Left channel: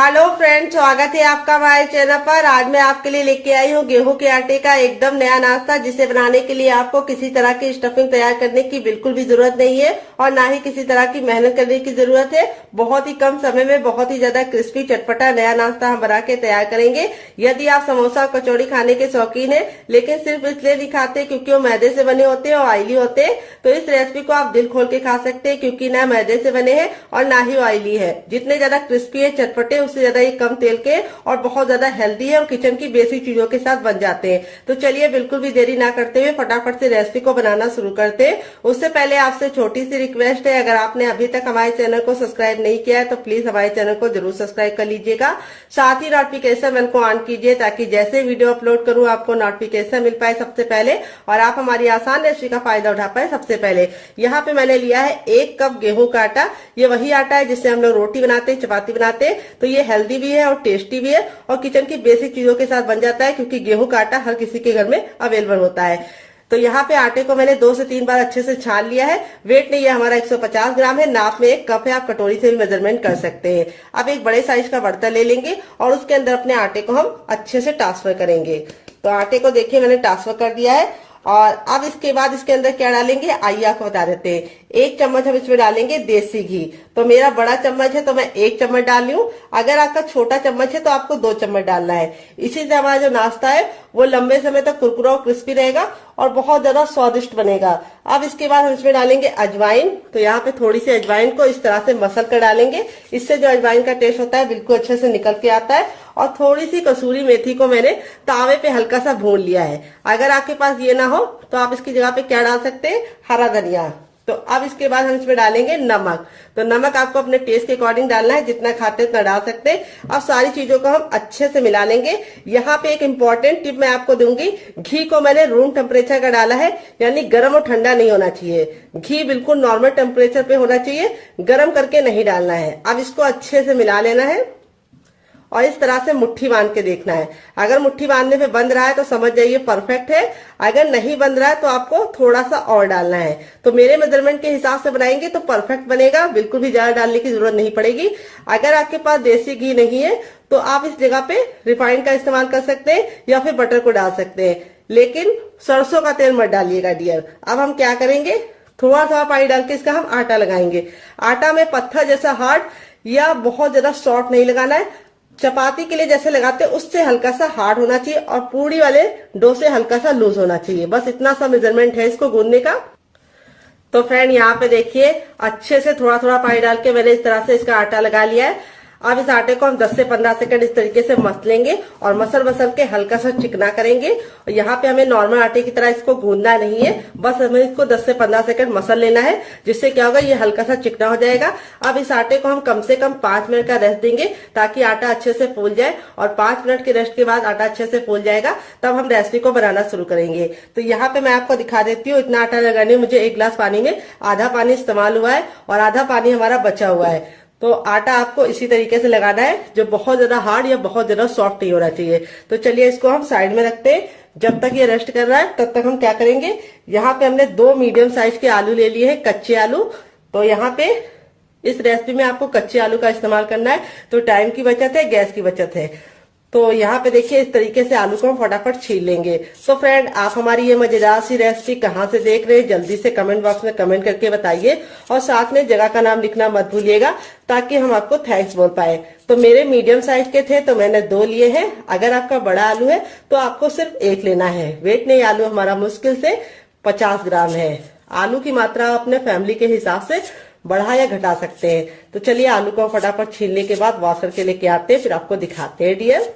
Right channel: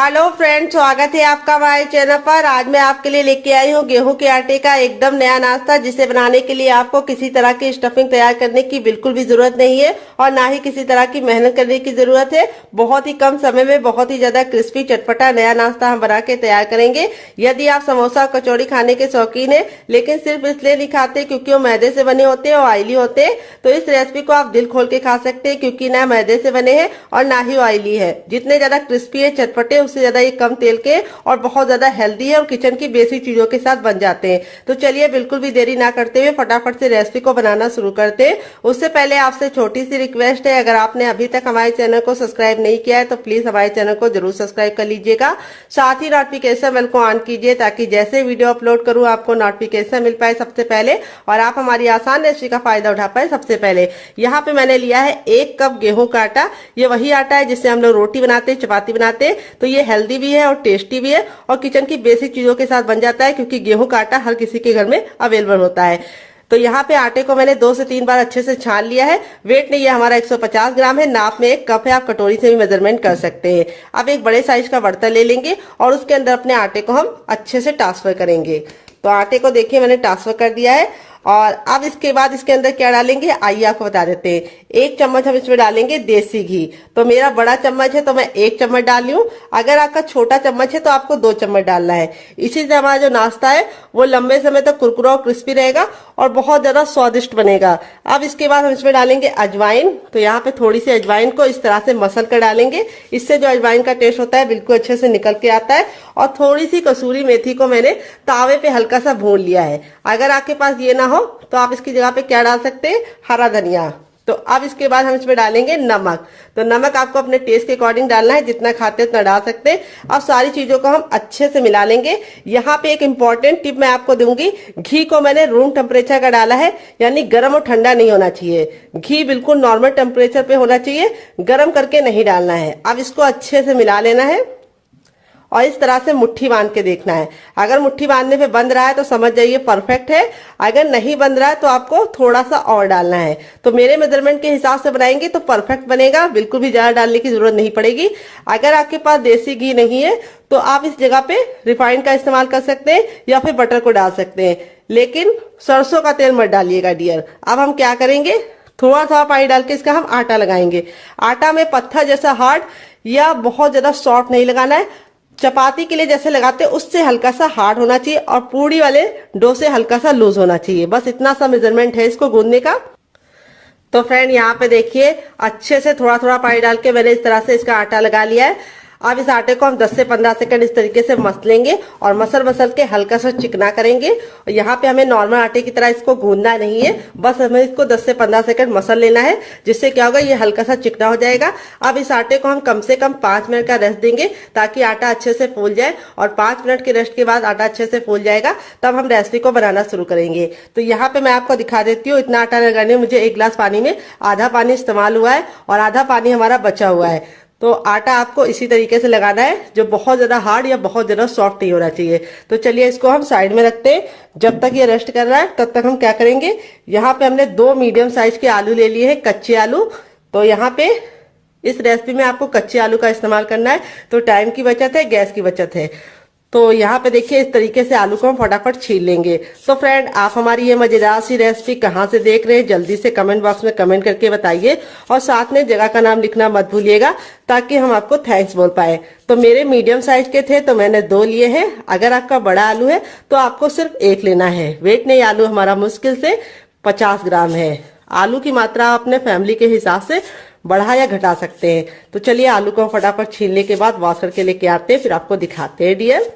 Hello friends, स्वागत है आपका हमारे चैनल पर। आज मैं आपके लिए लेके आई हूँ गेहूं के आटे का एकदम नया नाश्ता, जिसे बनाने के लिए आपको किसी तरह की स्टफिंग तैयार करने की बिल्कुल भी जरूरत नहीं है और ना ही किसी तरह की मेहनत करने की जरूरत है। बहुत ही कम समय में बहुत ही ज्यादा क्रिस्पी चटपटा नया नाश्ता हम बना के तैयार करेंगे। यदि आप समोसा और कचौड़ी खाने के शौकीन है लेकिन सिर्फ इसलिए नहीं खाते क्योंकि वो मैदे से बने होते हैं और ऑयली होते हैं, तो इस रेसिपी को आप दिल खोल के खा सकते हैं, क्योंकि ना मैदे से बने हैं और ना ही ऑयली है। जितने ज्यादा क्रिस्पी है चटपटे, उससे ज्यादा ये कम तेल के और बहुत ज्यादा हेल्दी है और किचन की बेसिक चीजों के साथ बन जाते हैं। तो चलिए बिल्कुल भी देरी ना करते हुए फटाफट से रेसिपी को बनाना शुरू करते हैं। उससे पहले आपसे छोटी सी रिक्वेस्ट है, अगर आपने अभी तक हमारे चैनल को सब्सक्राइब नहीं किया है तो प्लीज हमारे चैनल को जरूर सब्सक्राइब कर लीजिएगा। साथ ही नोटिफिकेशन बेल को ऑन कीजिए ताकि जैसे वीडियो अपलोड करूं आपको नोटिफिकेशन मिल पाए सबसे पहले और आप हमारी आसान रेसिपी का फायदा उठा पाए सबसे पहले। यहाँ पे मैंने लिया है 1 कप गेहूं का आटा। ये वही आटा है जिससे हम लोग रोटी बनाते हैं, चपाती बनाते हैं। तो ये हेल्दी भी है और टेस्टी भी है और किचन की बेसिक चीजों के साथ बन जाता है, क्योंकि गेहूं का आटा हर किसी के घर में अवेलेबल होता है। तो यहाँ पे आटे को मैंने 2 से 3 बार अच्छे से छान लिया है। वेट नहीं है हमारा 150 ग्राम है, नाप में 1 कप है, आप कटोरी से भी मेजरमेंट कर सकते हैं। अब एक बड़े साइज का बर्तन ले लेंगे और उसके अंदर अपने आटे को हम अच्छे से ट्रांसफर करेंगे। तो आटे को देखिए मैंने ट्रांसफर कर दिया है और अब इसके बाद इसके अंदर क्या डालेंगे आइए आपको बता देते हैं। 1 चम्मच हम इसमें डालेंगे देसी घी। तो मेरा बड़ा चम्मच है तो मैं 1 चम्मच डाल रही हूँ। अगर आपका छोटा चम्मच है तो आपको 2 चम्मच डालना है। इसी से हमारा जो नाश्ता है वो लंबे समय तक कुरकुरा और क्रिस्पी रहेगा और बहुत ज्यादा स्वादिष्ट बनेगा। अब इसके बाद हम इसमें डालेंगे अजवाइन। तो यहाँ पे थोड़ी सी अजवाइन को इस तरह से मसल कर डालेंगे। इससे जो अजवाइन का टेस्ट होता है बिल्कुल अच्छे से निकल के आता है। और थोड़ी सी कसूरी मेथी को मैंने तावे पे हल्का सा भून लिया है। अगर आपके पास ये ना हो तो आप इसकी जगह पे क्या डाल सकते हैं, हरा धनिया। तो अब इसके बाद हम इसमें डालेंगे नमक। तो नमक आपको अपने टेस्ट के अकॉर्डिंग डालना है, जितना खाते उतना डाल सकते हैं। अब सारी चीजों को हम अच्छे से मिला लेंगे। यहाँ पे एक इम्पोर्टेंट टिप मैं आपको दूंगी। घी को मैंने रूम टेम्परेचर का डाला है, यानी गर्म और ठंडा नहीं होना चाहिए। घी बिल्कुल नॉर्मल टेम्परेचर पे होना चाहिए, गर्म करके नहीं डालना है। अब इसको अच्छे से मिला लेना है और इस तरह से मुट्ठी बांध के देखना है। अगर मुट्ठी बांधने पे बंध रहा है तो समझ जाइए परफेक्ट है। अगर नहीं बंध रहा है तो आपको थोड़ा सा और डालना है। तो मेरे मेजरमेंट के हिसाब से बनाएंगे तो परफेक्ट बनेगा, बिल्कुल भी ज्यादा डालने की जरूरत नहीं पड़ेगी। अगर आपके पास देसी घी नहीं है तो आप इस जगह पे रिफाइंड का इस्तेमाल कर सकते हैं या फिर बटर को डाल सकते हैं, लेकिन सरसों का तेल मत डालिएगा डियर। अब हम क्या करेंगे, थोड़ा सा पानी डाल के इसका हम आटा लगाएंगे। आटा में पत्थर जैसा हार्ड या बहुत ज्यादा सॉफ्ट नहीं लगाना है। चपाती के लिए जैसे लगाते हैं उससे हल्का सा हार्ड होना चाहिए और पूड़ी वाले डो से हल्का सा लूज होना चाहिए। बस इतना सा मेजरमेंट है इसको गूंदने का। तो फ्रेंड यहाँ पे देखिए अच्छे से थोड़ा थोड़ा पानी डाल के मैंने इस तरह से इसका आटा लगा लिया है। अब इस आटे को हम 10 से 15 सेकंड इस तरीके से मसलेंगे और मसल के हल्का सा चिकना करेंगे। और यहाँ पे हमें नॉर्मल आटे की तरह इसको गूंदना नहीं है, बस हमें इसको 10 से 15 सेकंड मसल लेना है, जिससे क्या होगा ये हल्का सा चिकना हो जाएगा। अब इस आटे को हम कम से कम 5 मिनट का रेस्ट देंगे ताकि आटा अच्छे से फूल जाए और 5 मिनट के रेस्ट के बाद आटा अच्छे से फूल जाएगा, तब हम रेसिपी को बनाना शुरू करेंगे। तो यहाँ पे मैं आपको दिखा देती हूँ। इतना आटा लगाने में मुझे 1 गिलास पानी में आधा पानी इस्तेमाल हुआ है और आधा पानी हमारा बचा हुआ है। तो आटा आपको इसी तरीके से लगाना है, जो बहुत ज्यादा हार्ड या बहुत ज्यादा सॉफ्ट नहीं होना चाहिए। तो चलिए इसको हम साइड में रखते हैं। जब तक ये रेस्ट कर रहा है तब तक हम क्या करेंगे, यहाँ पे हमने 2 मीडियम साइज के आलू ले लिए हैं, कच्चे आलू। तो यहाँ पे इस रेसिपी में आपको कच्चे आलू का इस्तेमाल करना है, तो टाइम की बचत है, गैस की बचत है। तो यहाँ पे देखिए इस तरीके से आलू को हम फटाफट छील लेंगे। तो फ्रेंड आप हमारी ये मजेदार सी रेसिपी कहाँ से देख रहे हैं जल्दी से कमेंट बॉक्स में कमेंट करके बताइए और साथ में जगह का नाम लिखना मत भूलिएगा ताकि हम आपको थैंक्स बोल पाए। तो मेरे मीडियम साइज के थे तो मैंने 2 लिए हैं। अगर आपका बड़ा आलू है तो आपको सिर्फ 1 लेना है। वेट नहीं, आलू हमारा मुश्किल से 50 ग्राम है। आलू की मात्रा आप अपने फैमिली के हिसाब से बढ़ा या घटा सकते हैं। तो चलिए आलू को फटाफट छीलने के बाद वॉश करके लेके आते हैं, फिर आपको दिखाते हैं डियर।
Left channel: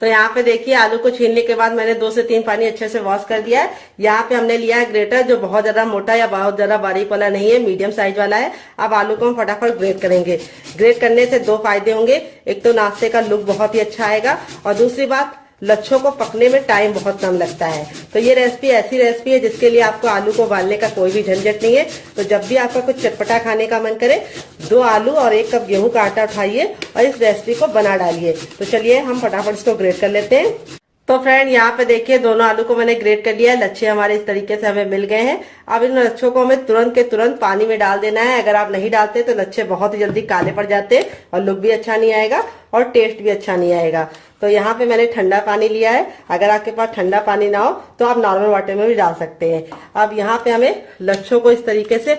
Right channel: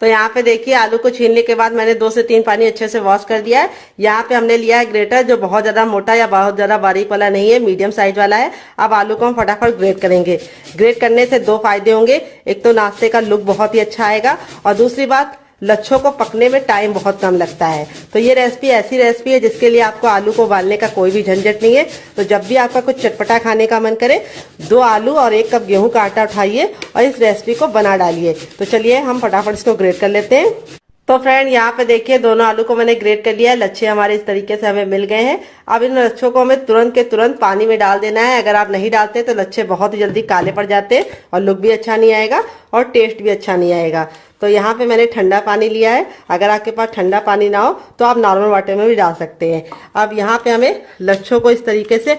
तो यहाँ पे देखिए आलू को छीलने के बाद मैंने 2 से 3 पानी अच्छे से वॉश कर दिया है। यहाँ पे हमने लिया है ग्रेटर, जो बहुत ज्यादा मोटा या बहुत ज्यादा बारीक वाला नहीं है, मीडियम साइज वाला है। अब आलू को हम फटाफट ग्रेट करेंगे। ग्रेट करने से 2 फायदे होंगे। एक तो नाश्ते का लुक बहुत ही अच्छा आएगा और दूसरी बात लच्छों को पकने में टाइम बहुत कम लगता है। तो ये रेसिपी ऐसी रेसिपी है जिसके लिए आपको आलू को उबालने का कोई भी झंझट नहीं है। तो जब भी आपका कुछ चटपटा खाने का मन करे 2 आलू और 1 कप गेहूं का आटा उठाइए और इस रेसिपी को बना डालिए। तो चलिए हम फटाफट इसको ग्रेट कर लेते हैं। तो फ्रेंड यहाँ पे देखिए दोनों आलू को मैंने ग्रेट कर लिया है। लच्छे हमारे इस तरीके से हमें मिल गए हैं। अब इन लच्छों को हमें तुरंत के तुरंत पानी में डाल देना है। अगर आप नहीं डालते तो लच्छे बहुत ही जल्दी काले पड़ जाते हैं और लुक भी अच्छा नहीं आएगा और टेस्ट भी अच्छा नहीं आएगा। तो यहाँ पे मैंने ठंडा पानी लिया है। अगर आपके पास ठंडा पानी ना हो तो आप नॉर्मल वाटर में भी डाल सकते हैं। अब यहाँ पे हमें लच्छों को इस तरीके से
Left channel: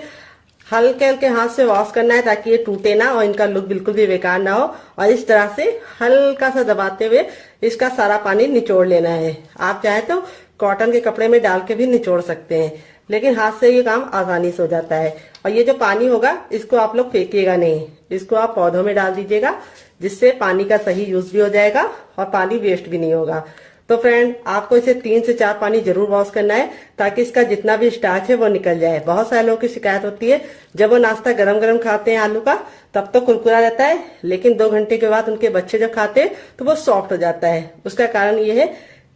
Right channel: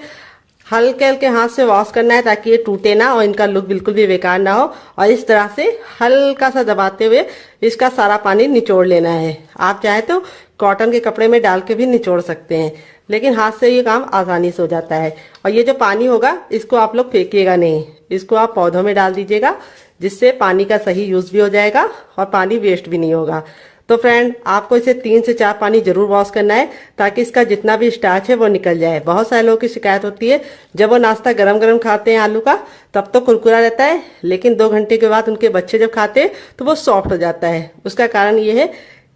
हल्के हल्के हाथ से वॉश करना है ताकि ये टूटे ना और इनका लुक बिल्कुल भी बेकार ना हो। और इस तरह से हल्का सा दबाते हुए इसका सारा पानी निचोड़ लेना है। आप चाहे तो कॉटन के कपड़े में डाल के भी निचोड़ सकते हैं, लेकिन हाथ से ये काम आसानी से हो जाता है। और ये जो पानी होगा इसको आप लोग फेंकिएगा नहीं, इसको आप पौधों में डाल दीजिएगा, जिससे पानी का सही यूज भी हो जाएगा और पानी वेस्ट भी नहीं होगा। तो फ्रेंड आपको इसे 3 से 4 पानी जरूर वॉश करना है ताकि इसका जितना भी स्टार्च है वो निकल जाए। बहुत सारे लोगों की शिकायत होती है जब वो नाश्ता गरम गरम खाते हैं आलू का तब तो कुरकुरा रहता है, लेकिन 2 घंटे के बाद उनके बच्चे जब खाते हैं तो वो सॉफ्ट हो जाता है। उसका कारण ये है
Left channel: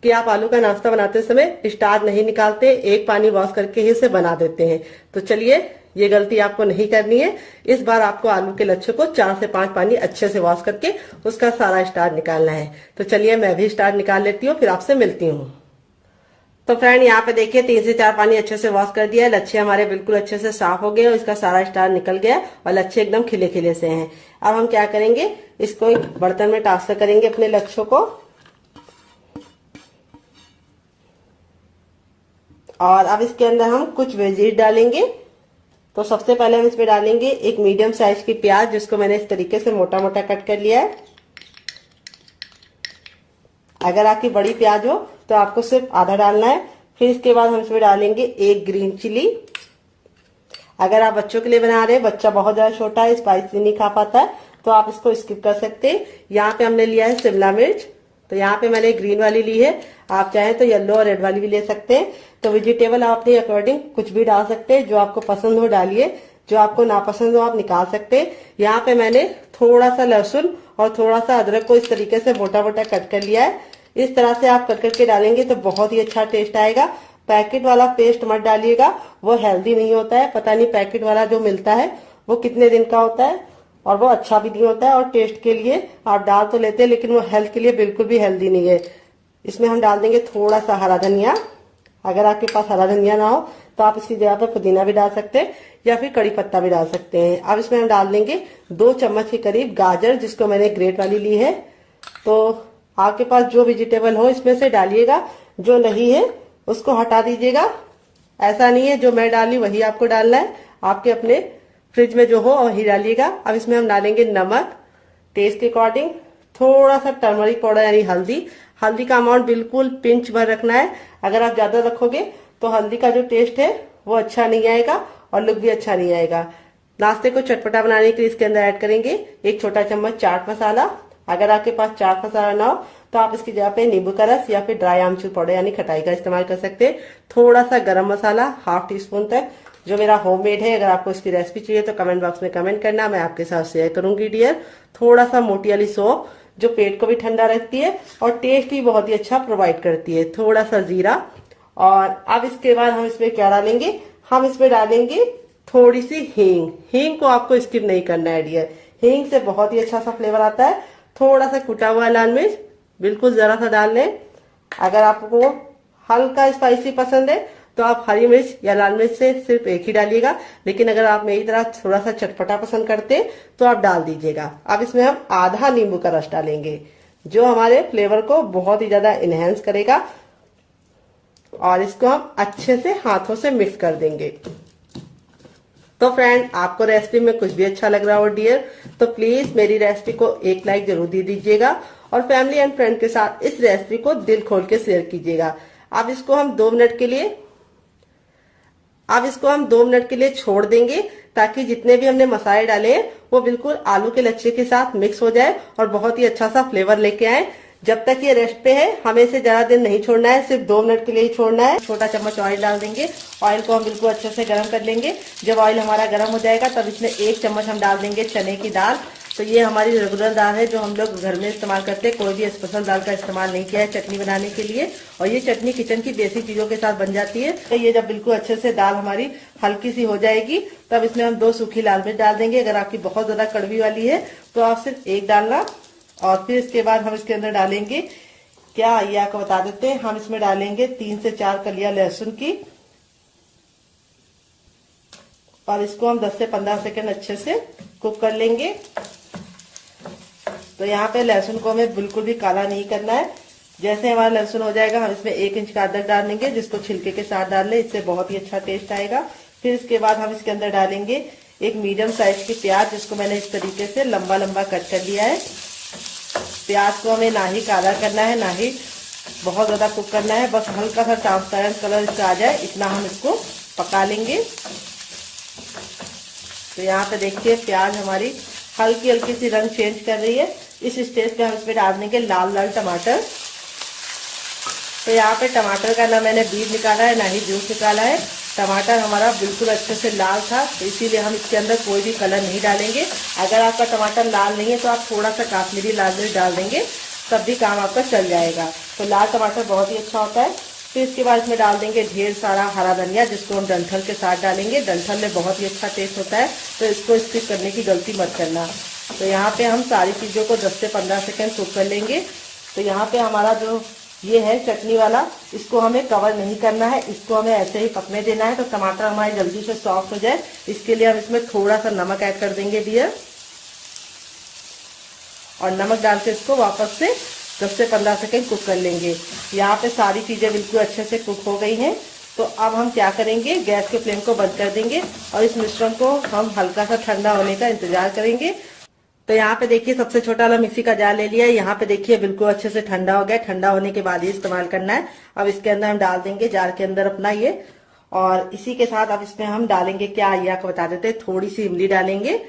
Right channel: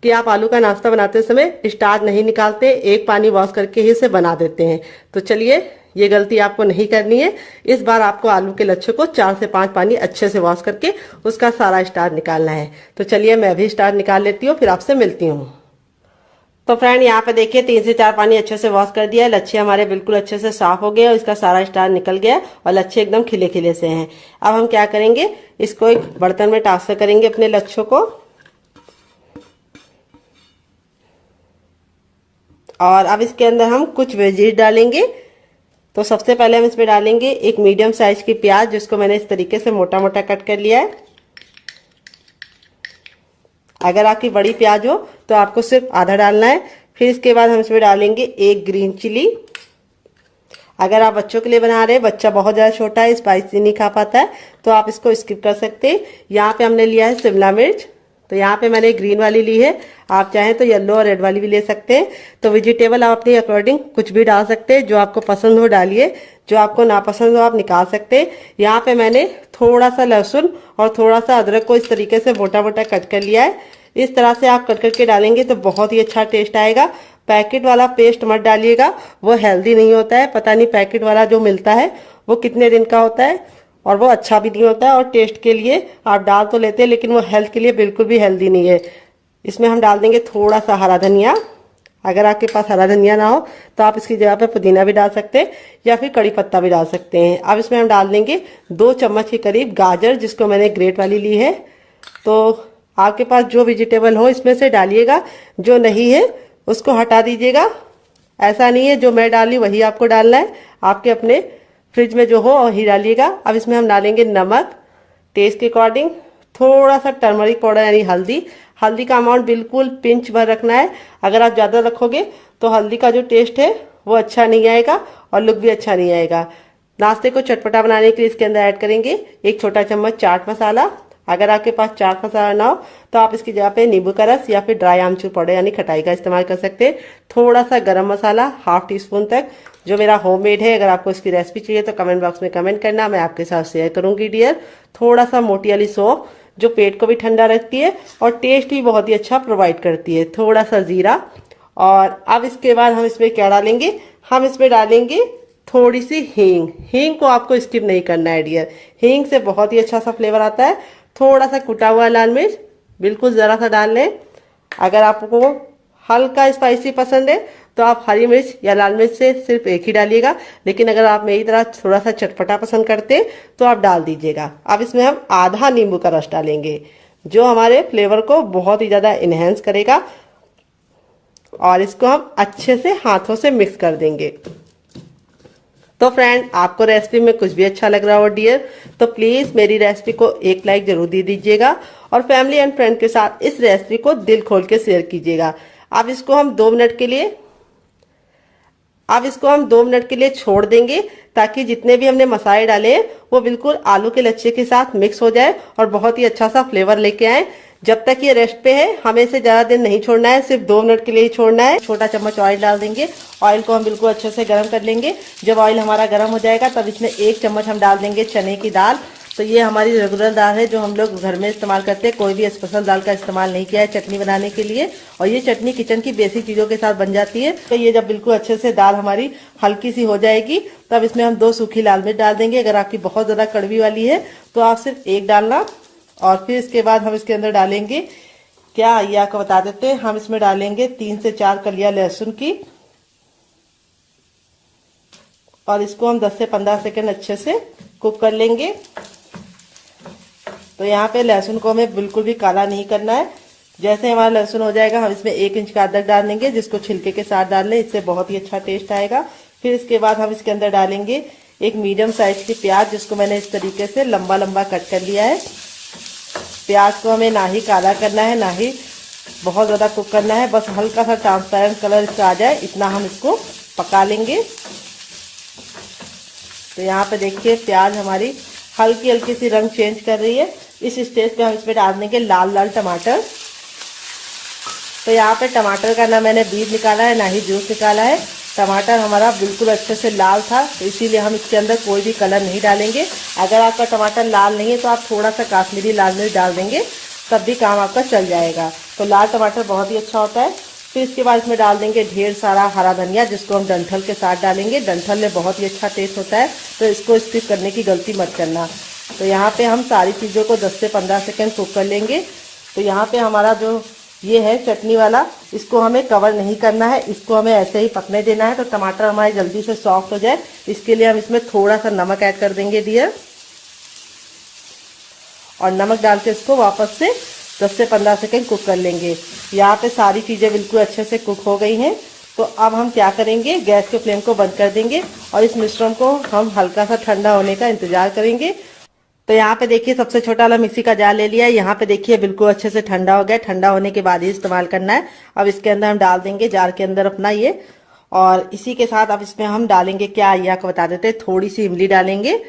कि आप आलू का नाश्ता बनाते समय स्टार्च नहीं निकालते, एक पानी वॉश करके ही इसे बना देते हैं। तो चलिए ये गलती आपको नहीं करनी है। इस बार आपको आलू के लच्छे को 4 से 5 पानी अच्छे से वॉश करके उसका सारा स्टार्च निकालना है। तो चलिए मैं भी स्टार्च निकाल लेती हूँ, फिर आपसे मिलती हूँ। तो फ्रेंड यहाँ पे देखिए 3 से 4 पानी अच्छे से वॉश कर दिया है। लच्छे हमारे बिल्कुल अच्छे से साफ हो गए और इसका सारा स्टार्च निकल गया और लच्छे एकदम खिले खिले से हैं। अब हम क्या करेंगे, इसको एक बर्तन में ट्रांसफर करेंगे अपने लच्छों को। और अब इसके अंदर हम कुछ वेजीज डालेंगे। तो सबसे पहले हम इसमें डालेंगे एक मीडियम साइज की प्याज, जिसको मैंने इस तरीके से मोटा मोटा कट कर लिया है। अगर आपकी बड़ी प्याज हो तो आपको सिर्फ आधा डालना है। फिर इसके बाद हम इसमें डालेंगे एक ग्रीन चिली। अगर आप बच्चों के लिए बना रहे हैं, बच्चा बहुत ज्यादा छोटा है, स्पाइसी नहीं खा पाता है, तो आप इसको स्किप कर सकते हैं। यहाँ पे हमने लिया है शिमला मिर्च। तो यहाँ पे मैंने ग्रीन वाली ली है, आप चाहें तो येलो और रेड वाली भी ले सकते हैं। तो वेजिटेबल आप अपने अकॉर्डिंग कुछ भी डाल सकते हैं, जो आपको पसंद हो डालिए, जो आपको नापसंद हो आप निकाल सकते हैं। यहाँ पे मैंने थोड़ा सा लहसुन और थोड़ा सा अदरक को इस तरीके से मोटा मोटा कट कर लिया है। इस तरह से आप कट करके डालेंगे तो बहुत ही अच्छा टेस्ट आएगा। पैकेट वाला पेस्ट मत डालिएगा, वो हेल्दी नहीं होता है। पता नहीं पैकेट वाला जो मिलता है वो कितने दिन का होता है और वो अच्छा भी नहीं होता है। और टेस्ट के लिए आप डाल तो लेते हैं, लेकिन वो हेल्थ के लिए बिल्कुल भी हेल्दी नहीं है। इसमें हम डाल देंगे थोड़ा सा हरा धनिया। अगर आपके पास हरा धनिया ना हो तो आप इसकी जगह पे पुदीना भी डाल सकते हैं या फिर कड़ी पत्ता भी डाल सकते हैं। अब इसमें हम डाल देंगे 2 चम्मच के करीब गाजर, जिसको मैंने ग्रेट वाली ली है। तो आपके पास जो वेजिटेबल हो इसमें से डालिएगा, जो नहीं है उसको हटा दीजिएगा। ऐसा नहीं है जो मैं डाली वही आपको डालना है, आपके अपने फ्रिज में जो हो वही डालिएगा। अब इसमें हम डालेंगे नमक टेस्ट के अकॉर्डिंग, थोड़ा सा टर्मरिक पाउडर यानी हल्दी। हल्दी का अमाउंट बिल्कुल पिंच भर रखना है। अगर आप ज्यादा रखोगे तो हल्दी का जो टेस्ट है वो अच्छा नहीं आएगा और लुक भी अच्छा नहीं आएगा। नाश्ते को चटपटा बनाने के लिए इसके अंदर ऐड करेंगे 1 छोटा चम्मच चाट मसाला। अगर आपके पास चाट मसाला ना हो तो आप इसकी जगह पे नींबू का रस या फिर ड्राई आमचूर पाउडर यानी खटाई का इस्तेमाल कर सकते हैं। थोड़ा सा गरम मसाला 1/2 टीस्पून तक, जो मेरा होममेड है। अगर आपको इसकी रेसिपी चाहिए तो कमेंट बॉक्स में कमेंट करना, मैं आपके साथ शेयर करूंगी डियर। थोड़ा सा मोटी वाली सौंफ, जो पेट को भी ठंडा रखती है और टेस्ट भी बहुत ही अच्छा प्रोवाइड करती है। थोड़ा सा जीरा। और अब इसके बाद हम इसमें क्या डालेंगे, हम इसमें डालेंगे थोड़ी सी हींग। हींग को आपको स्किप नहीं करना है डियर, हींग से बहुत ही अच्छा सा फ्लेवर आता है। थोड़ा सा कुटा हुआ लाल मिर्च, बिल्कुल जरा सा डाल लें। अगर आपको हल्का स्पाइसी पसंद है तो आप हरी मिर्च या लाल मिर्च से सिर्फ एक ही डालिएगा, लेकिन अगर आप मेरी तरह थोड़ा सा चटपटा पसंद करते हैं तो आप डाल दीजिएगा। अब इसमें हम आधा नींबू का रस डालेंगे, जो हमारे फ्लेवर को बहुत ही ज्यादा इनहेंस करेगा। और इसको हम अच्छे से हाथों से मिक्स कर देंगे। तो फ्रेंड आपको रेसिपी में कुछ भी अच्छा लग रहा हो डियर, तो प्लीज मेरी रेसिपी को एक लाइक जरूर दे दीजिएगा और फैमिली एंड फ्रेंड के साथ इस रेसिपी को दिल खोल के शेयर कीजिएगा। अब इसको हम 2 मिनट के लिए छोड़ देंगे ताकि जितने भी हमने मसाले डाले हैं वो बिल्कुल आलू के लच्छे के साथ मिक्स हो जाए और बहुत ही अच्छा सा फ्लेवर लेके आए। जब तक ये रेस्ट पे है हमें इसे ज्यादा देर नहीं छोड़ना है, सिर्फ 2 मिनट के लिए ही छोड़ना है। छोटा चम्मच ऑयल डाल देंगे। ऑयल को हम बिल्कुल अच्छे से गर्म कर लेंगे। जब ऑयल हमारा गर्म हो जाएगा तब इसमें 1 चम्मच हम डाल देंगे चने की दाल। तो ये हमारी रेगुलर दाल है जो हम लोग घर में इस्तेमाल करते हैं, कोई भी स्पेशल दाल का इस्तेमाल नहीं किया है चटनी बनाने के लिए। और ये चटनी किचन की बेसिक चीजों के साथ बन जाती है। तो ये जब बिल्कुल अच्छे से दाल हमारी हल्की सी हो जाएगी तब इसमें हम 2 सूखी लाल मिर्च डाल देंगे। अगर आपकी बहुत ज्यादा कड़वी वाली है तो आप सिर्फ 1 डालना। और फिर इसके बाद हम इसके अंदर डालेंगे क्या आइए आपको बता देते हैं। हम इसमें डालेंगे 3 से 4 कलियां लहसुन की और इसको हम 10 से 15 सेकंड अच्छे से कुक कर लेंगे। तो यहाँ पे लहसुन को हमें बिल्कुल भी काला नहीं करना है। जैसे हमारा लहसुन हो जाएगा हम इसमें 1 इंच का अदरक डाल देंगे, जिसको छिलके के साथ डाल लें, इससे बहुत ही अच्छा टेस्ट आएगा। फिर इसके बाद हम इसके अंदर डालेंगे एक मीडियम साइज की प्याज, जिसको मैंने इस तरीके से लंबा लंबा कट कर लिया है। प्याज को हमें ना ही काला करना है ना ही बहुत ज्यादा कुक करना है, बस हल्का सा ट्रांसपेरेंट कलर इसका आ जाए इतना हम इसको पका लेंगे। तो यहाँ पे देखिए प्याज हमारी हल्की हल्की सी रंग चेंज कर रही है। इस स्टेज पे हम इसमें डाल देंगे लाल लाल टमाटर। तो यहाँ पे टमाटर का ना मैंने बीज निकाला है ना ही जूस निकाला है। टमाटर हमारा बिल्कुल अच्छे से लाल था, तो इसीलिए हम इसके अंदर कोई भी कलर नहीं डालेंगे। अगर आपका टमाटर लाल नहीं है तो आप थोड़ा सा काश्मीरी लाल मिर्च डाल देंगे, तब भी काम आपका चल जाएगा। तो लाल टमाटर बहुत ही अच्छा होता है। फिर इसके बाद इसमें डाल देंगे ढेर सारा हरा धनिया, जिसको हम डंठल के साथ डालेंगे। डंठल में बहुत ही अच्छा टेस्ट होता है, तो इसको स्किप करने की गलती मत करना। तो यहाँ पे हम सारी चीजों को 10 से 15 सेकंड कुक कर लेंगे। तो यहाँ पे हमारा जो ये है चटनी वाला, इसको हमें कवर नहीं करना है, इसको हमें ऐसे ही पकने देना है। तो टमाटर हमारे जल्दी से सॉफ्ट हो जाए, इसके लिए हम इसमें थोड़ा सा नमक ऐड कर देंगे डियर, और नमक डाल के इसको वापस से 10 से 15 सेकंड कुक कर लेंगे। यहाँ पे सारी चीजें बिल्कुल अच्छे से कुक हो गई हैं। तो अब हम क्या करेंगे, गैस के फ्लेम को बंद कर देंगे और इस मिश्रण को हम हल्का सा ठंडा होने का इंतजार करेंगे। तो यहाँ पे देखिए सबसे छोटा वाला मिक्सी का जार ले लिया है। यहाँ पे देखिए बिल्कुल अच्छे से ठंडा हो गया। ठंडा होने के बाद ही इस्तेमाल करना है। अब इसके अंदर हम डाल देंगे जार के अंदर अपना ये, और इसी के साथ अब इसमें हम डालेंगे क्या, ये आपको बता देते हैं, थोड़ी सी इमली डालेंगे।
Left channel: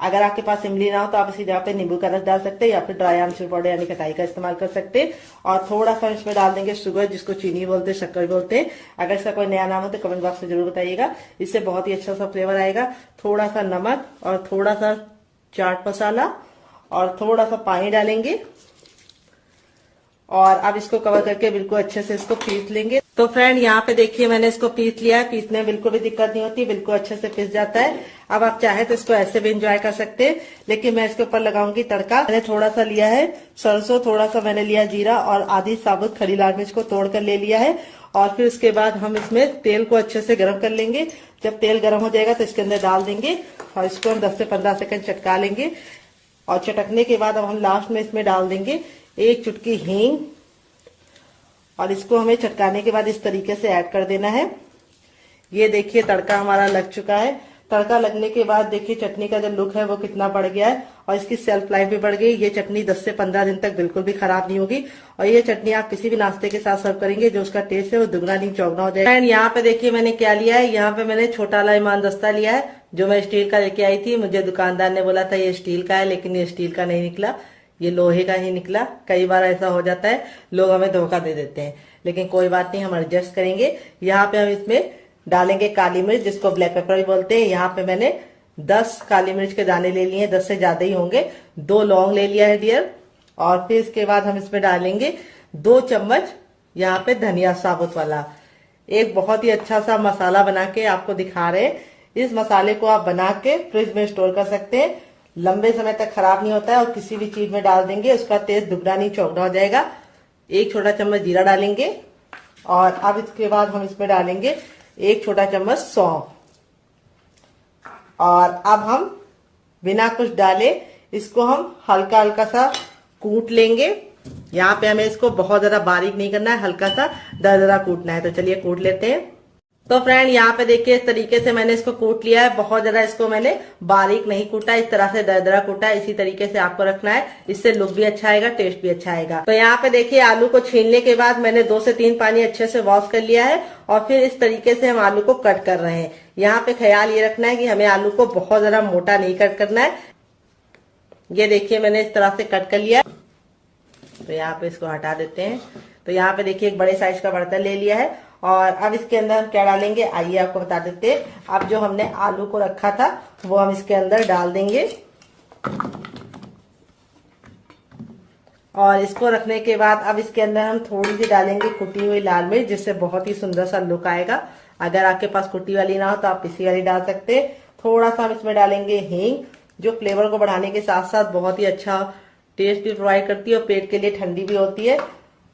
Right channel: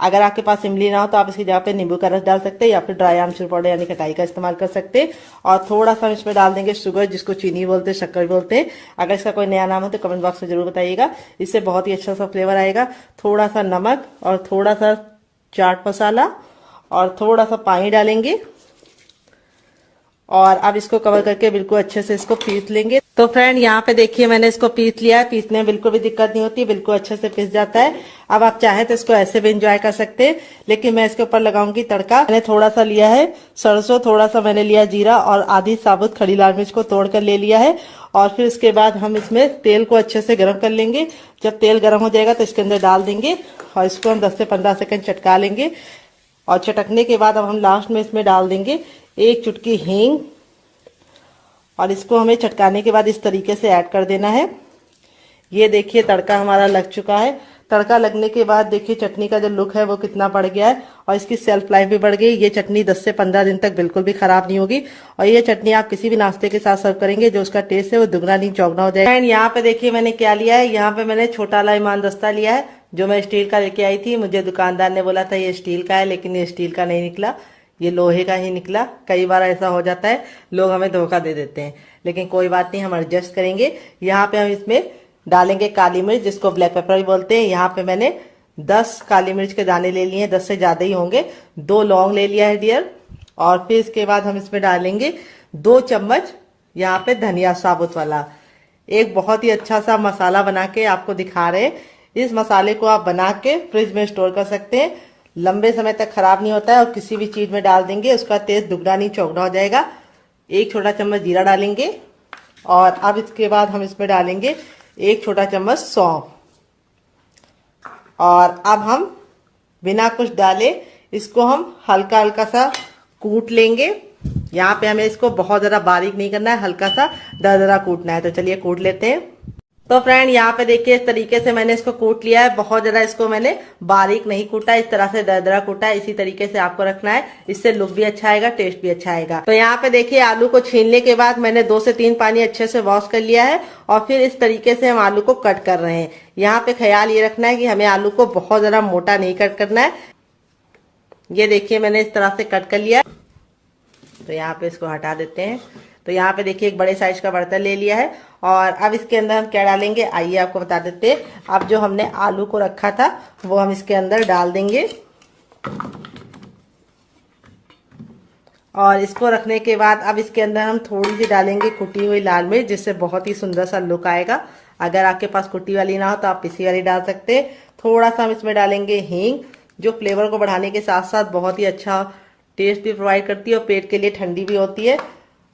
अगर आपके पास इमली ना हो तो आप इसकी जगह पे नींबू का रस डाल सकते हैं, या फिर ड्राई आमचूर पाउडर यानी खटाई का इस्तेमाल कर सकते हैं। और थोड़ा सा इसमें डाल देंगे शुगर, जिसको चीनी बोलते हैं, शक्कर बोलते हैं। अगर इसका कोई नया नाम हो तो कमेंट बॉक्स में जरूर बताइएगा, इससे बहुत ही अच्छा सा फ्लेवर आएगा। थोड़ा सा नमक और थोड़ा सा चाट मसाला और थोड़ा सा पानी डालेंगे, और अब इसको कवर करके बिल्कुल अच्छे से इसको पीस लेंगे। तो फ्रेंड यहाँ पे देखिए मैंने इसको पीस लिया है। पीसने में बिल्कुल भी दिक्कत नहीं होती, बिल्कुल अच्छे से पीस जाता है। अब आप चाहे तो इसको ऐसे भी एंजॉय कर सकते हैं, लेकिन मैं इसके ऊपर लगाऊंगी तड़का। मैंने थोड़ा सा लिया है सरसों, थोड़ा सा मैंने लिया जीरा, और आधी साबुत खड़ी लाल मिर्च को तोड़ कर ले लिया है। और फिर इसके बाद हम इसमें तेल को अच्छे से गर्म कर लेंगे। जब तेल गर्म हो जाएगा तो इसके अंदर डाल देंगे और इसको हम 10 से 15 सेकंड चटका लेंगे। और चटकने के बाद अब हम लास्ट में इसमें डाल देंगे 1 चुटकी हींग, और इसको हमें चटकाने के बाद इस तरीके से ऐड कर देना है। ये देखिए तड़का हमारा लग चुका है। तड़का लगने के बाद देखिए चटनी का जो लुक है वो कितना बढ़ गया है, और इसकी सेल्फ लाइफ भी बढ़ गई। ये चटनी 10 से 15 दिन तक बिल्कुल भी खराब नहीं होगी, और ये चटनी आप किसी भी नाश्ते के साथ सर्व करेंगे, जो उसका टेस्ट है वो दुगना नहीं चौगना हो जाएगा। एंड यहाँ पे देखिए मैंने क्या लिया है, यहाँ पे मैंने छोटा वाला ईमान दस्ता लिया है, जो मैं स्टील का लेके आई थी। मुझे दुकानदार ने बोला था ये स्टील का है, लेकिन ये स्टील का नहीं निकला, ये लोहे का ही निकला। कई बार ऐसा हो जाता है, लोग हमें धोखा दे देते हैं, लेकिन कोई बात नहीं, हम एडजस्ट करेंगे। यहाँ पे हम इसमें डालेंगे काली मिर्च, जिसको ब्लैक पेपर भी बोलते हैं। यहाँ पे मैंने 10 काली मिर्च के दाने ले लिए हैं, 10 से ज्यादा ही होंगे। 2 लौंग ले लिया है डियर, और फिर इसके बाद हम इसमें डालेंगे 2 चम्मच यहाँ पे धनिया साबुत वाला। एक बहुत ही अच्छा सा मसाला बना के आपको दिखा रहे हैं। इस मसाले को आप बना के फ्रिज में स्टोर कर सकते हैं, लंबे समय तक खराब नहीं होता है, और किसी भी चीज में डाल देंगे उसका टेस्ट दुगना नहीं चौगना हो जाएगा। 1 छोटा चम्मच जीरा डालेंगे, और अब इसके बाद हम इसमें डालेंगे 1 छोटा चम्मच सौंफ, और अब हम बिना कुछ डाले इसको हम हल्का हल्का सा कूट लेंगे। यहाँ पे हमें इसको बहुत ज्यादा बारीक नहीं करना है, हल्का सा दरदरा कूटना है। तो चलिए कूट लेते हैं। तो फ्रेंड यहाँ पे देखिए इस तरीके से मैंने इसको कूट लिया है। बहुत ज्यादा इसको मैंने बारीक नहीं कूटा, इस तरह से दरदरा कूटा है। इसी तरीके से आपको रखना है, इससे लुक भी अच्छा आएगा, टेस्ट भी अच्छा आएगा। तो यहाँ पे देखिए आलू को छीलने के बाद मैंने 2 से 3 पानी अच्छे से वॉश कर लिया है, और फिर इस तरीके से हम आलू को कट कर रहे हैं। यहाँ पे ख्याल ये रखना है कि हमें आलू को बहुत ज्यादा मोटा नहीं कट करना है। ये देखिए मैंने इस तरह से कट कर लिया। तो यहाँ पे इसको हटा देते हैं। तो यहाँ पे देखिए एक बड़े साइज का बर्तन ले लिया है, और अब इसके अंदर हम क्या डालेंगे आइए आपको बता देते हैं। अब जो हमने आलू को रखा था वो हम इसके अंदर डाल देंगे, और इसको रखने के बाद अब इसके अंदर हम थोड़ी सी डालेंगे कुटी हुई लाल मिर्च, जिससे बहुत ही सुंदर सा लुक आएगा। अगर आपके पास कुटी वाली ना हो तो आप पिसी वाली डाल सकते हैं। थोड़ा सा हम इसमें डालेंगे हींग, जो फ्लेवर को बढ़ाने के साथ साथ बहुत ही अच्छा टेस्ट भी प्रोवाइड करती है, और पेट के लिए ठंडी भी होती है।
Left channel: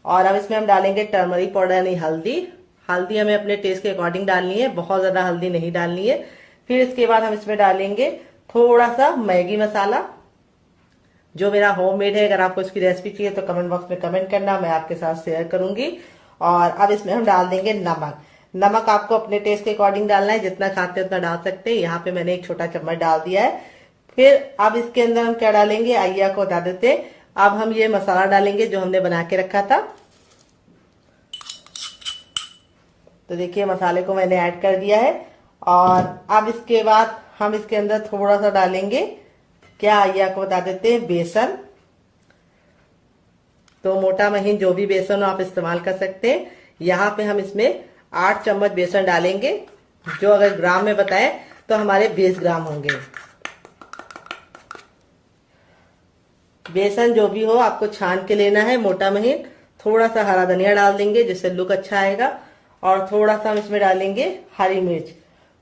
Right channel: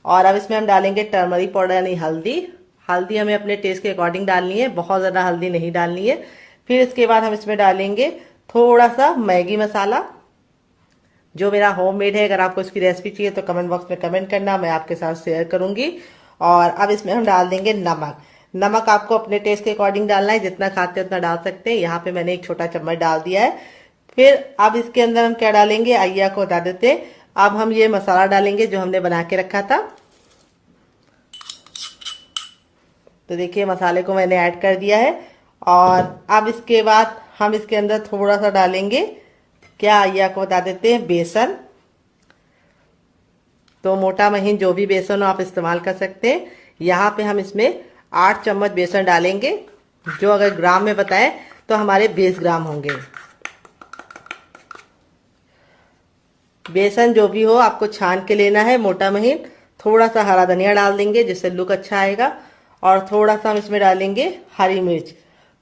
और अब इसमें हम डालेंगे टर्मरिक पाउडर यानी हल्दी। हल्दी हमें अपने टेस्ट के अकॉर्डिंग डालनी है, बहुत ज्यादा हल्दी नहीं डालनी है। फिर इसके बाद हम इसमें डालेंगे थोड़ा सा मैगी मसाला, जो मेरा होममेड है। अगर आपको इसकी रेसिपी चाहिए तो कमेंट बॉक्स में कमेंट करना, मैं आपके साथ शेयर करूंगी। और अब इसमें हम डाल देंगे नमक। नमक आपको अपने टेस्ट के अकॉर्डिंग डालना है, जितना खाते हैं उतना डाल सकते हैं। यहाँ पे मैंने 1 छोटा चम्मच डाल दिया है। फिर अब इसके अंदर हम क्या डालेंगे, आइए आपको बता देते हैं। अब हम ये मसाला डालेंगे जो हमने बना के रखा था। तो देखिए मसाले को मैंने ऐड कर दिया है। और अब इसके बाद हम इसके अंदर थोड़ा सा डालेंगे, क्या आइए आपको बता देते हैं, बेसन। तो मोटा महीन जो भी बेसन हो आप इस्तेमाल कर सकते हैं। यहाँ पे हम इसमें 8 चम्मच बेसन डालेंगे, जो अगर ग्राम में बताएं तो हमारे 20 ग्राम होंगे। बेसन जो भी हो आपको छान के लेना है मोटा महीन। थोड़ा सा हरा धनिया डाल देंगे जिससे लुक अच्छा आएगा। और थोड़ा सा हम इसमें डालेंगे हरी मिर्च।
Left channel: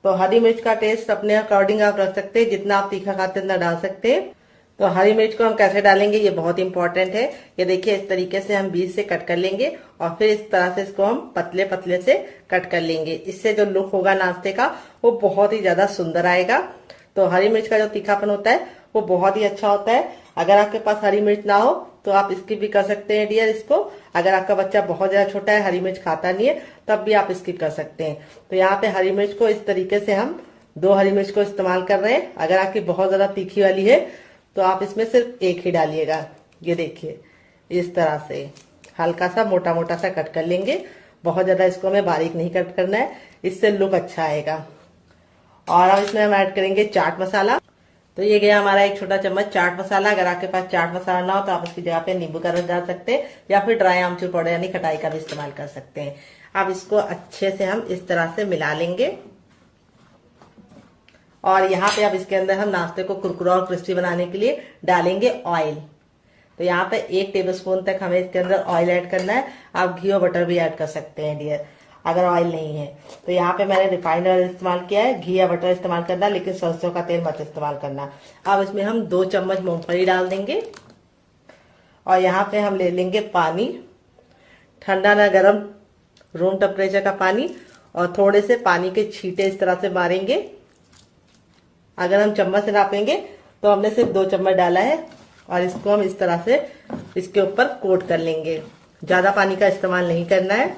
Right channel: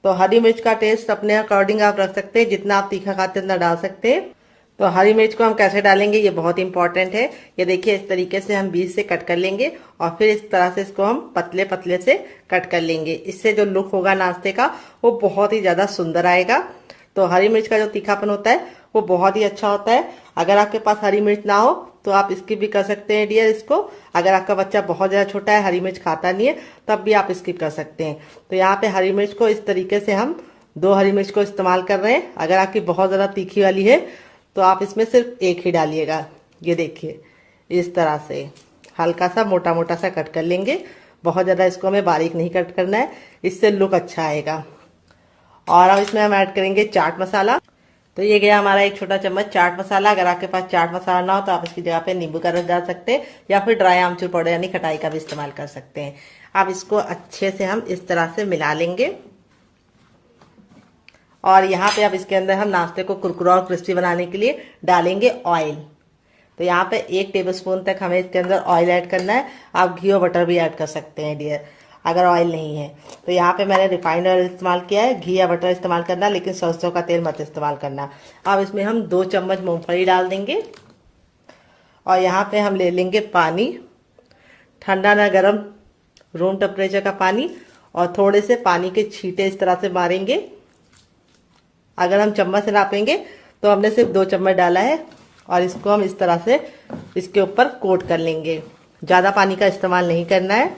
तो हरी मिर्च का टेस्ट अपने अकॉर्डिंग आप रख सकते हैं, जितना आप तीखा खाते हैं उतना डाल सकते हैं। तो हरी मिर्च को हम कैसे डालेंगे ये बहुत इंपॉर्टेंट है। ये देखिए इस तरीके से हम बीच से कट कर लेंगे और फिर इस तरह से इसको हम पतले पतले से कट कर लेंगे। इससे जो लुक होगा नाश्ते का वो बहुत ही ज्यादा सुंदर आएगा। तो हरी मिर्च का जो तीखापन होता है वो बहुत ही अच्छा होता है। अगर आपके पास हरी मिर्च ना हो तो आप स्किप भी कर सकते हैं डियर इसको। अगर आपका बच्चा बहुत ज्यादा छोटा है, हरी मिर्च खाता नहीं है, तब भी आप स्किप कर सकते हैं। तो यहाँ पे हरी मिर्च को इस तरीके से हम 2 हरी मिर्च को इस्तेमाल कर रहे हैं। अगर आपकी बहुत ज्यादा तीखी वाली है तो आप इसमें सिर्फ 1 ही डालिएगा। ये देखिए इस तरह से हल्का सा मोटा मोटा सा कट कर लेंगे। बहुत ज्यादा इसको हमें बारीक नहीं कट करना है, इससे लुक अच्छा आएगा। और अब इसमें हम ऐड करेंगे चाट मसाला। तो ये गया हमारा 1 छोटा चम्मच चाट मसाला। अगर आपके पास चाट मसाला ना हो तो आप इसकी जगह पे नींबू का रस डाल सकते हैं, या फिर ड्राई आमचूर पाउडर यानी खटाई का भी इस्तेमाल कर सकते हैं। अब इसको अच्छे से हम इस तरह से मिला लेंगे। और यहाँ पे अब इसके अंदर हम नाश्ते को कुरकुरा और क्रिस्पी बनाने के लिए डालेंगे ऑयल। तो यहाँ पे 1 टेबलस्पून तक हमें इसके अंदर ऑयल ऐड करना है। आप घी और बटर भी ऐड कर सकते हैं डियर, अगर ऑयल नहीं है तो। यहाँ पे मैंने रिफाइंड ऑयल इस्तेमाल किया है। घी या बटर इस्तेमाल करना, लेकिन सरसों का तेल मत इस्तेमाल करना। अब इसमें हम 2 चम्मच मूंगफली डाल देंगे। और यहाँ पे हम ले लेंगे पानी, ठंडा ना गर्म, रूम टेम्परेचर का पानी। और थोड़े से पानी के छींटे इस तरह से मारेंगे। अगर हम चम्मच से नापेंगे तो हमने सिर्फ 2 चम्मच डाला है। और इसको हम इस तरह से इसके ऊपर कोट कर लेंगे। ज्यादा पानी का इस्तेमाल नहीं करना है।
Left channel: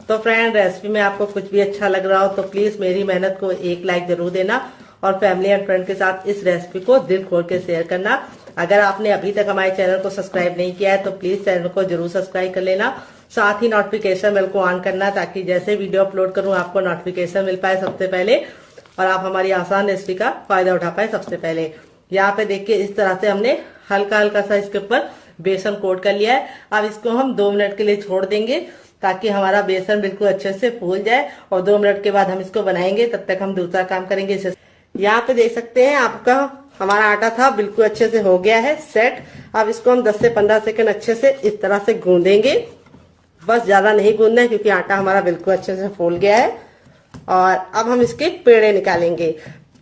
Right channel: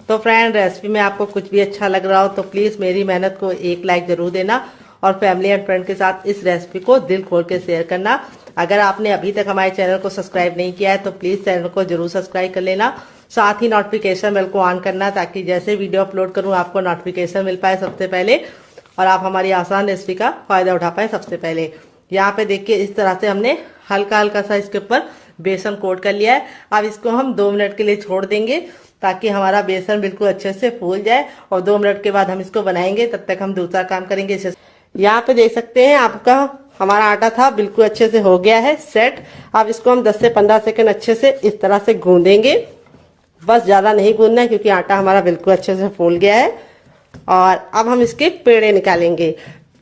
तो फ्रेंड, रेसिपी में आपको कुछ भी अच्छा लग रहा हो तो प्लीज मेरी मेहनत को 1 लाइक जरूर देना और फैमिली एंड फ्रेंड के साथ इस रेसिपी को दिल खोल के शेयर करना। अगर आपने अभी तक हमारे चैनल को सब्सक्राइब नहीं किया है तो प्लीज चैनल को जरूर सब्सक्राइब कर लेना। साथ ही नोटिफिकेशन बेल को ऑन करना, ताकि जैसे वीडियो अपलोड करूं आपको नोटिफिकेशन मिल पाए सबसे पहले और आप हमारी आसान रेसिपी का फायदा उठा पाए सबसे पहले। यहाँ पे देखिए इस तरह से हमने हल्का हल्का सा इसके ऊपर बेसन कोट कर लिया है। अब इसको हम 2 मिनट के लिए छोड़ देंगे, ताकि हमारा बेसन बिल्कुल अच्छे से फूल जाए। और 2 मिनट के बाद हम इसको बनाएंगे, तब तक हम दूसरा काम करेंगे। यहाँ पे देख सकते हैं आपका हमारा आटा था बिल्कुल अच्छे से हो गया है सेट। अब इसको हम 10 से 15 सेकंड अच्छे से इस तरह से गूंदेंगे। बस ज्यादा नहीं गूंदना है, क्योंकि आटा हमारा बिल्कुल अच्छे से फूल गया है। और अब हम इसके पेड़े निकालेंगे।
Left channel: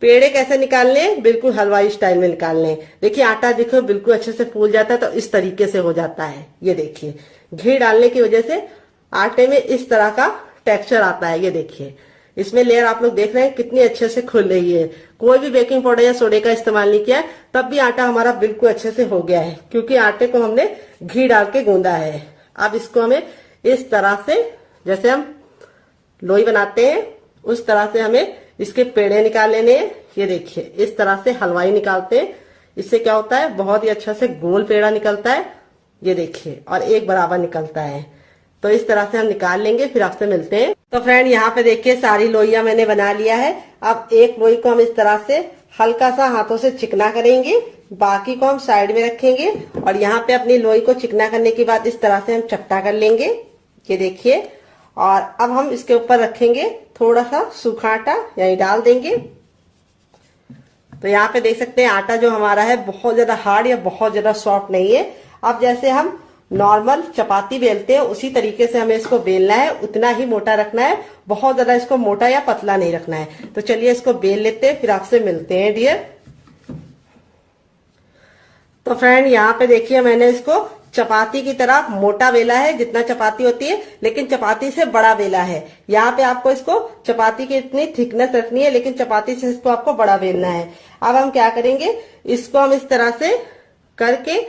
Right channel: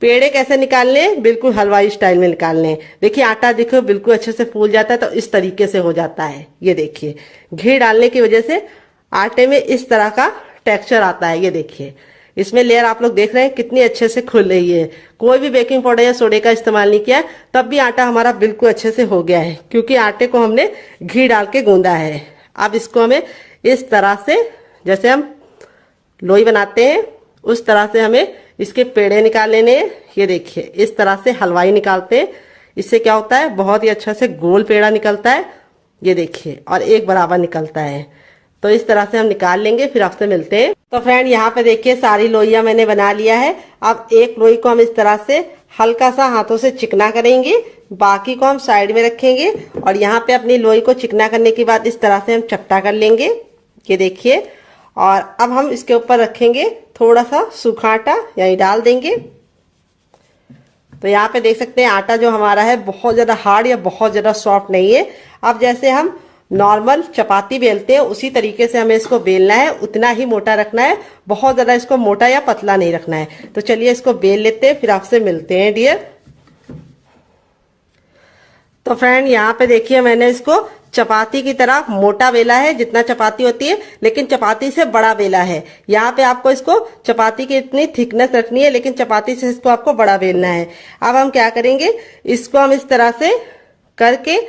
पेड़े कैसे निकालने हैं, बिल्कुल हलवाई स्टाइल में निकालने हैं। देखिए आटा देखो बिल्कुल अच्छे से फूल जाता है, तो इस तरीके से हो जाता है। ये देखिए घी डालने की वजह से आटे में इस तरह का टेक्सचर आता है। ये देखिए इसमें लेयर आप लोग देख रहे हैं कितनी अच्छे से खुल रही है। कोई भी बेकिंग पाउडर या सोडे का इस्तेमाल नहीं किया, तब भी आटा हमारा बिल्कुल अच्छे से हो गया है, क्योंकि आटे को हमने घी डाल के गूंदा है। अब इसको हमें इस तरह से, जैसे हम लोई बनाते हैं उस तरह से हमें इसके पेड़े निकाल लेने हैं। ये देखिए इस तरह से हलवाई निकालते हैं। इससे क्या होता है, बहुत ही अच्छा से गोल पेड़ा निकलता है। ये देखिए, और एक बराबर निकलता है। तो इस तरह से हम निकाल लेंगे, फिर आपसे मिलते हैं। तो फ्रेंड यहाँ पे देखिए सारी लोइयां मैंने बना लिया है। अब एक लोई को हम इस तरह से हल्का सा हाथों से चिकना करेंगे, बाकी को हम साइड में रखेंगे। और यहाँ पे अपनी लोई को चिकना करने के बाद इस तरह से हम चपटा कर लेंगे। ये देखिए, और अब हम इसके ऊपर रखेंगे थोड़ा सा सूखा आटा, यानी डाल देंगे। तो यहाँ पे देख सकते हैं आटा जो हमारा है बहुत ज्यादा हार्ड या बहुत ज्यादा सॉफ्ट नहीं है। अब जैसे हम नॉर्मल चपाती बेलते हैं उसी तरीके से हमें इसको बेलना है, उतना ही मोटा रखना है, बहुत ज्यादा इसको मोटा या पतला नहीं रखना है। तो चलिए इसको बेल लेते हैं, फिर आपसे मिलते हैं डियर। तो फ्रेंड यहाँ पे देखिए मैंने इसको चपाती की तरह मोटा बेला है, जितना चपाती होती है, लेकिन चपाती से बड़ा बेला है। यहाँ पे आपको इसको चपाती की इतनी थिकनेस रखनी है, लेकिन चपाती से इसको आपको बड़ा बेलना है। अब हम क्या करेंगे, इसको हम इस तरह से करके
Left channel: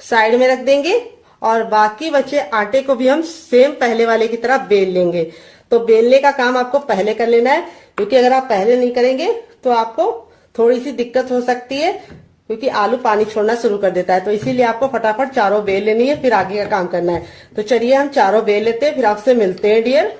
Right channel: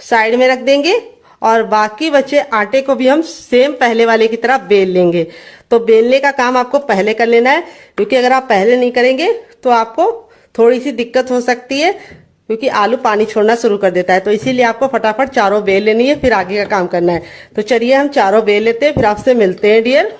साइड में रख देंगे और बाकी बचे आटे को भी हम सेम पहले वाले की तरह बेल लेंगे। तो बेलने का काम आपको पहले कर लेना है, क्योंकि अगर आप पहले नहीं करेंगे तो आपको थोड़ी सी दिक्कत हो सकती है, क्योंकि आलू पानी छोड़ना शुरू कर देता है। तो इसीलिए आपको फटाफट चारों बेल लेनी है, फिर आगे का काम करना है। तो चलिए हम चारों बेल लेते हैं, फिर आपसे मिलते हैं डियर।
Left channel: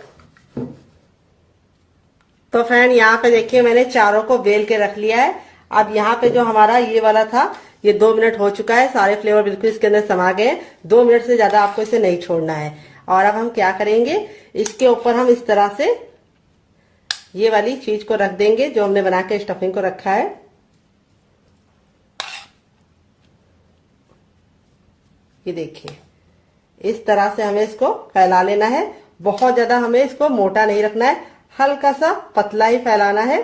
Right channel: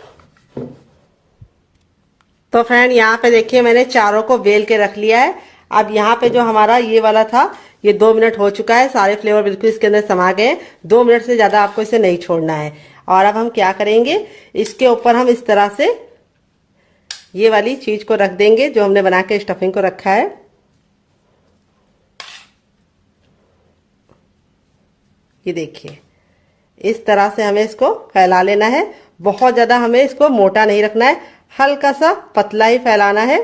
तो फ्रेंड यहाँ पे देखिए मैंने चारों को बेल के रख लिया है। अब यहाँ पे जो हमारा ये वाला था, ये 2 मिनट हो चुका है, सारे फ्लेवर बिल्कुल इसके अंदर समा गए। 2 मिनट से ज्यादा आपको इसे नहीं छोड़ना है। और अब हम क्या करेंगे, इसके ऊपर हम इस तरह से ये वाली चीज को रख देंगे जो हमने बना के स्टफिंग को रखा है। ये देखिए इस तरह से हमें इसको फैला लेना है। बहुत ज्यादा हमें इसको मोटा नहीं रखना है, हल्का सा पतला ही फैलाना है।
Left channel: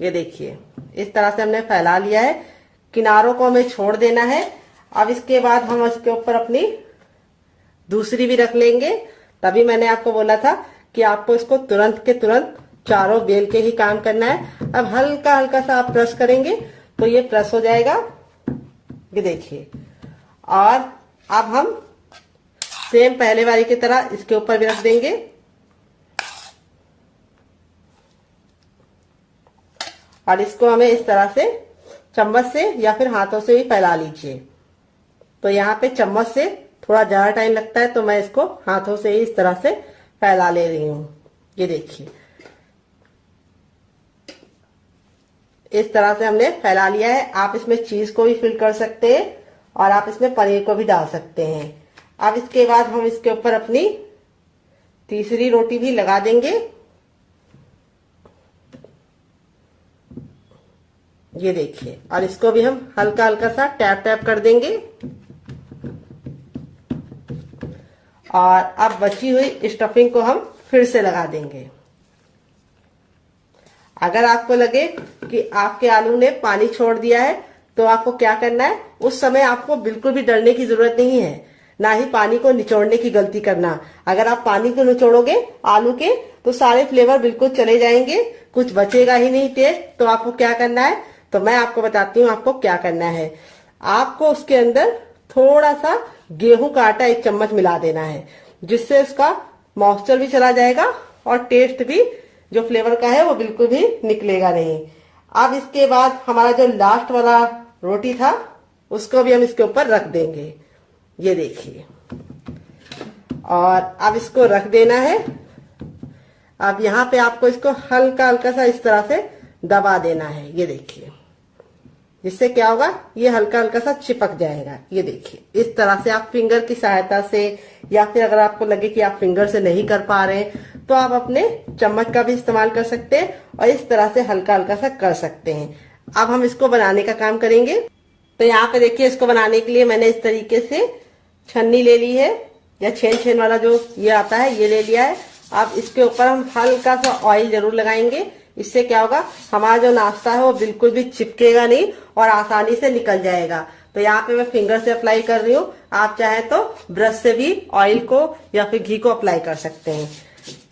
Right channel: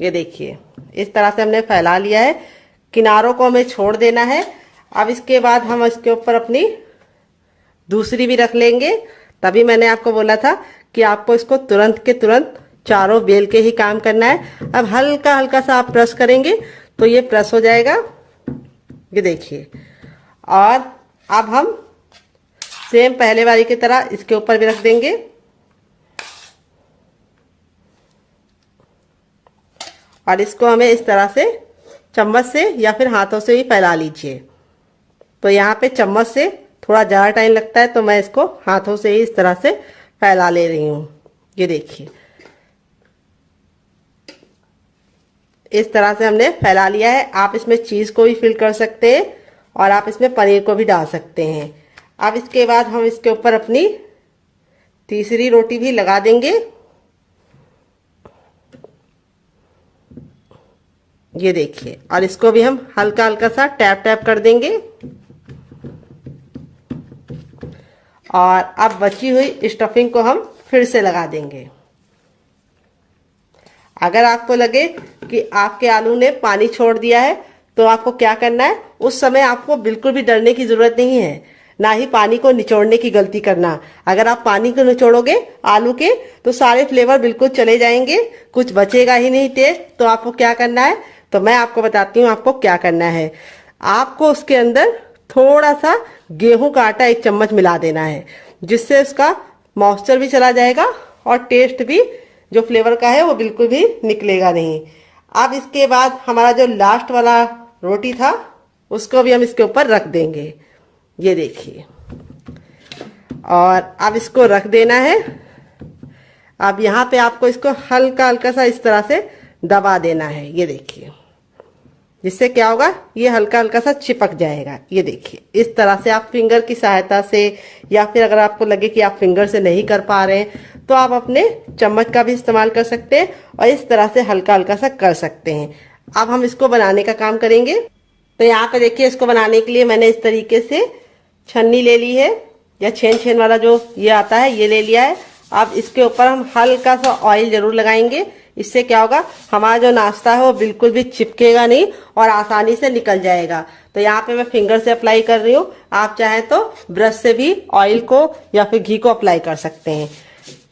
ये देखिए इस तरह से हमने फैला लिया है, किनारों को हमें छोड़ देना है। अब इसके बाद हम इसके ऊपर अपनी दूसरी भी रख लेंगे। तभी मैंने आपको बोला था कि आपको इसको तुरंत के तुरंत चारों बेल के ही काम करना है। अब हल्का हल्का सा आप प्रेस करेंगे तो ये प्रेस हो जाएगा, ये देखिए। और अब हम सेम पहले वाली की तरह इसके ऊपर भी रख देंगे और इसको हमें इस तरह से चम्मच से या फिर हाथों से ही फैला लीजिए। तो यहाँ पे चम्मच से थोड़ा ज्यादा टाइम लगता है, तो मैं इसको हाथों से ही इस तरह से फैला ले रही हूँ। ये देखिए इस तरह से हमने फैला लिया है। आप इसमें चीज को भी फिल कर सकते हैं और आप इसमें पनीर को भी डाल सकते हैं। अब इसके बाद हम इसके ऊपर अपनी तीसरी रोटी भी लगा देंगे। ये देखिए, और इसको भी हम हल्का हल्का सा टैप टैप कर देंगे। और अब बची हुई स्टफिंग को हम फिर से लगा देंगे। अगर आपको लगे कि आपके आलू ने पानी छोड़ दिया है तो आपको क्या करना है, उस समय आपको बिल्कुल भी डरने की जरूरत नहीं है, ना ही पानी को निचोड़ने की गलती करना। अगर आप पानी को निचोड़ोगे आलू के तो सारे फ्लेवर बिल्कुल चले जाएंगे, कुछ बचेगा ही नहीं टेस्ट। तो आपको क्या करना है, तो मैं आपको बताती हूँ आपको क्या करना है। आपको उसके अंदर थोड़ा सा गेहूं का आटा 1 चम्मच मिला देना है, जिससे उसका मॉइस्चर भी चला जाएगा और टेस्ट भी जो फ्लेवर का है वो बिल्कुल भी निकलेगा नहीं। अब इसके बाद हमारा जो लास्ट वाला रोटी था उसको भी हम इसके ऊपर रख देंगे। ये देखिए, और अब इसको रख देना है। अब यहाँ पे आपको इसको हल्का हल्का सा इस तरह से दबा देना है। ये देखिए, जिससे क्या होगा, ये हल्का हल्का सा चिपक जाएगा। ये देखिए इस तरह से आप फिंगर की सहायता से, या फिर अगर आपको लगे कि आप फिंगर से नहीं कर पा रहे हैं तो आप अपने चम्मच का भी इस्तेमाल कर सकते हैं और इस तरह से हल्का हल्का सा कर सकते हैं। अब हम इसको बनाने का काम करेंगे। तो यहाँ पे देखिए, इसको बनाने के लिए मैंने इस तरीके से छन्नी ले ली है, या छेन वाला जो ये आता है ये ले लिया है। अब इसके ऊपर हम हल्का सा ऑयल जरूर लगाएंगे। इससे क्या होगा, हमारा जो नाश्ता है वो बिल्कुल भी चिपकेगा नहीं और आसानी से निकल जाएगा। तो यहाँ पे मैं फिंगर से अप्लाई कर रही हूँ, आप चाहे तो ब्रश से भी ऑयल को या फिर घी को अप्लाई कर सकते हैं।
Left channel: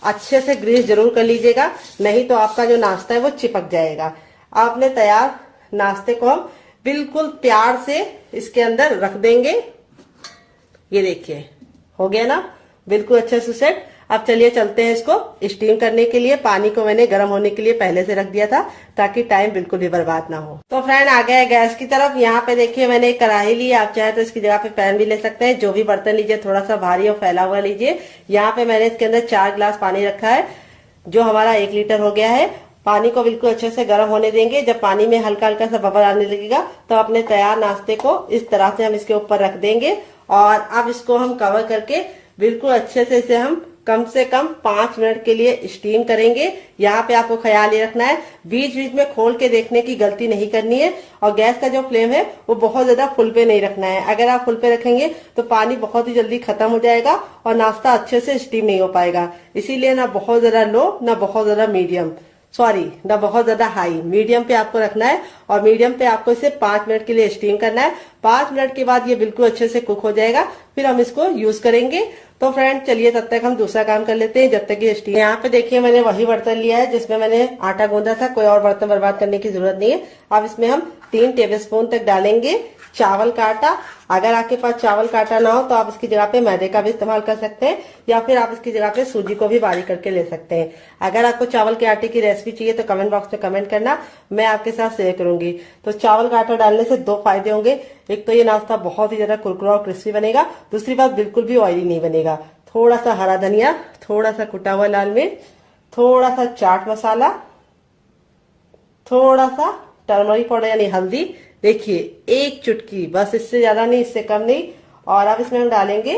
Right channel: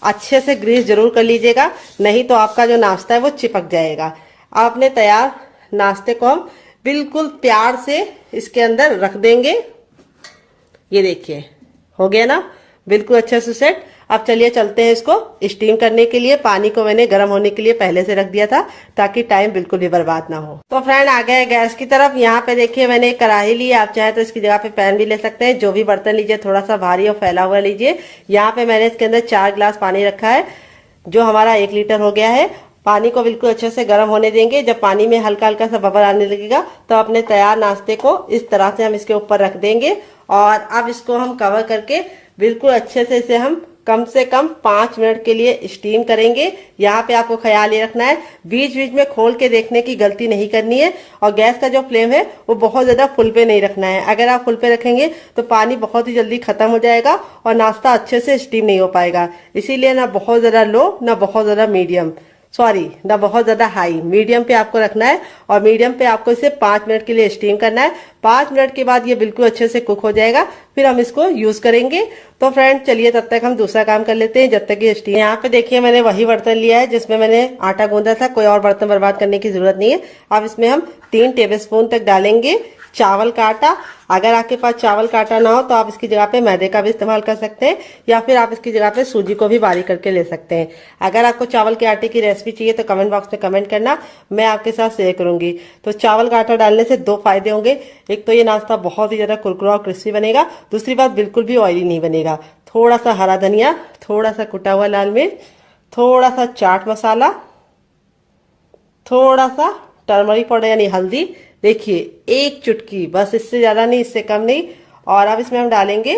अच्छे से ग्रीस जरूर कर लीजिएगा, नहीं तो आपका जो नाश्ता है वो चिपक जाएगा। अब अपने तैयार नाश्ते को हम बिल्कुल प्यार से इसके अंदर रख देंगे। ये देखिए हो गया ना, बिल्कुल अच्छे से सेट। अब चलिए चलते हैं इसको स्टीम करने के लिए। पानी को मैंने गर्म होने के लिए पहले से रख दिया था ताकि टाइम बिल्कुल भी बर्बाद ना हो। तो फ्रेंड आ गए गैस की तरफ। यहाँ पे देखिए मैंने एक कढ़ाई ली, आप चाहे तो इसकी जगह पे पैन भी ले सकते हैं। जो भी बर्तन लीजिए थोड़ा सा भारी और फैला हुआ लीजिए। यहाँ पे मैंने इसके अंदर 4 गिलास पानी रखा है, जो हमारा 1 लीटर हो गया है। पानी को बिल्कुल अच्छे से गर्म होने देंगे। जब पानी में हल्का हल्का सा बबल आने लगेगा तो अपने तैयार नाश्ते को इस तरह से हम इसके ऊपर रख देंगे और अब इसको हम कवर करके बिल्कुल अच्छे से इसे हम कम से कम 5 मिनट के लिए स्टीम करेंगे। यहाँ पे आपको ख्याल ये रखना है, बीच बीच में खोल के देखने की गलती नहीं करनी है। और गैस का जो फ्लेम है वो बहुत ज्यादा फुल पे नहीं रखना है। अगर आप फुल पे रखेंगे तो पानी बहुत ही जल्दी खत्म हो जाएगा और नाश्ता अच्छे से स्टीम नहीं हो पाएगा। इसीलिए ना बहुत ज्यादा लो ना बहुत ज्यादा मीडियम, सॉरी ना बहुत ज्यादा हाई, मीडियम पे आपको रखना है और मीडियम पे आपको इसे 5 मिनट के लिए स्टीम करना है। 5 मिनट के बाद ये बिल्कुल अच्छे से कुक हो जाएगा, फिर हम इसको यूज करेंगे। तो फ्रेंड चलिए तब तक हम दूसरा काम कर लेते हैं जब तक ये स्टीम। यहाँ पे देखिए मैंने वही बर्तन लिया है जिसमें मैंने आटा गूंदा था, कोई और बर्तन बर्बाद करने की जरूरत नहीं है। अब इसमें हम 3 टेबलस्पून तक डालेंगे चावल का आटा। अगर आपके पास चावल का आटा ना हो तो आप इसकी जगह पे मैदे का भी इस्तेमाल कर सकते हैं या फिर आप इसकी जगह पे सूजी को भी बारीक करके ले सकते हैं। अगर आपको चावल के आटे की रेसिपी चाहिए तो कमेंट बॉक्स में कमेंट करना, मैं आपके साथ शेयर करूंगी। तो चावल का आटा डालने से 2 फायदे होंगे। एक तो ये नाश्ता बहुत ही ज्यादा कुरकुरा और क्रिस्पी बनेगा, दूसरी बात बिल्कुल भी ऑयली नहीं बनेगा। थोड़ा सा हरा धनिया, थोड़ा सा कुटा हुआ लाल मिर्च, थोड़ा सा चाट मसाला, थोड़ा सा टर्मरिक पाउडर यानी हल्दी, देखिए 1 चुटकी, बस इससे ज्यादा नहीं, इससे कम नहीं। और अब इसमें हम डालेंगे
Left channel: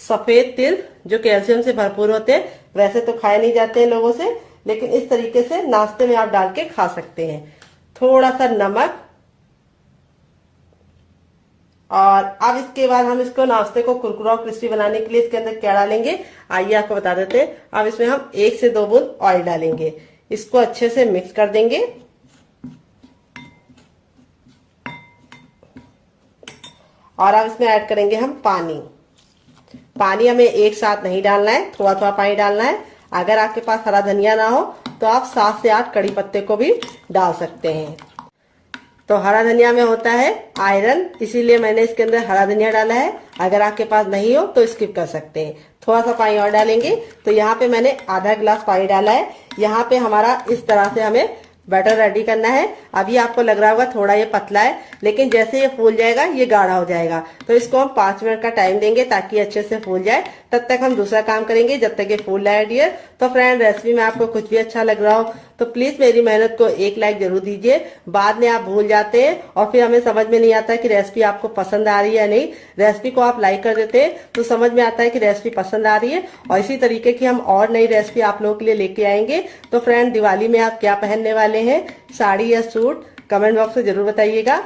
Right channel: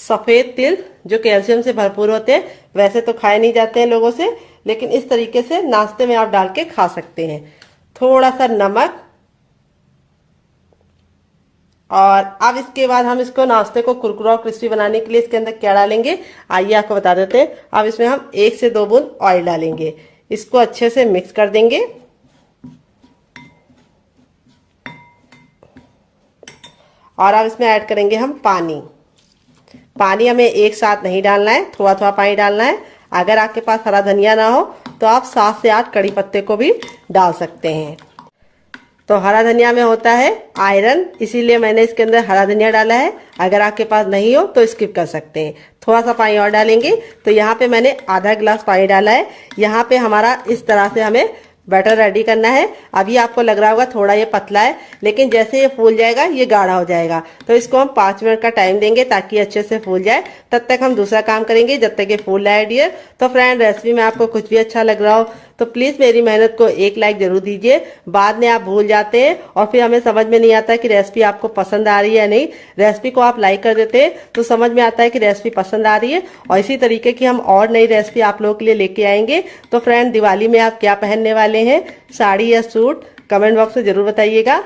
सफेद तिल जो कैल्शियम से भरपूर होते हैं। वैसे तो खाए नहीं जाते हैं लोगों से, लेकिन इस तरीके से नाश्ते में आप डाल के खा सकते हैं। थोड़ा सा नमक, और अब इसके बाद हम इसको नाश्ते को कुरकुरा और क्रिस्पी बनाने के लिए इसके अंदर क्या डालेंगे आइए आपको बता देते हैं। अब इसमें हम 1 से 2 बूंद ऑयल डालेंगे, इसको अच्छे से मिक्स कर देंगे। और अब इसमें ऐड करेंगे हम पानी। पानी हमें एक साथ नहीं डालना है, थोड़ा थोड़ा पानी डालना है। अगर आपके पास हरा धनिया ना हो तो आप 7 से 8 कड़ी पत्ते को भी डाल सकते हैं। तो हरा धनिया में होता है आयरन, इसीलिए मैंने इसके अंदर हरा धनिया डाला है। अगर आपके पास नहीं हो तो स्किप कर सकते हैं। थोड़ा सा पानी और डालेंगे। तो यहाँ पे मैंने आधा गिलास पानी डाला है। यहाँ पे हमारा इस तरह से हमें बैटर रेडी करना है। अभी आपको लग रहा होगा थोड़ा ये पतला है, लेकिन जैसे ये फूल जाएगा ये गाढ़ा हो जाएगा। तो इसको हम 5 मिनट का टाइम देंगे ताकि अच्छे से फूल जाए। तब तक हम दूसरा काम करेंगे जब तक ये फूल रहा है डियर। तो फ्रेंड रेसिपी में आपको कुछ भी अच्छा लग रहा हो तो प्लीज मेरी मेहनत को 1 लाइक जरूर दीजिए। बाद में आप भूल जाते हैं और फिर हमें समझ में नहीं आता कि रेसिपी आपको पसंद आ रही है या नहीं। रेसिपी को आप लाइक कर देते हैं तो समझ में आता है कि रेसिपी पसंद आ रही है, और इसी तरीके की हम और नई रेसिपी आप लोगों के लिए लेके आएंगे। तो फ्रेंड दिवाली में आप क्या पहनने वाले हैं, साड़ी या सूट, कमेंट बॉक्स में जरूर बताइएगा।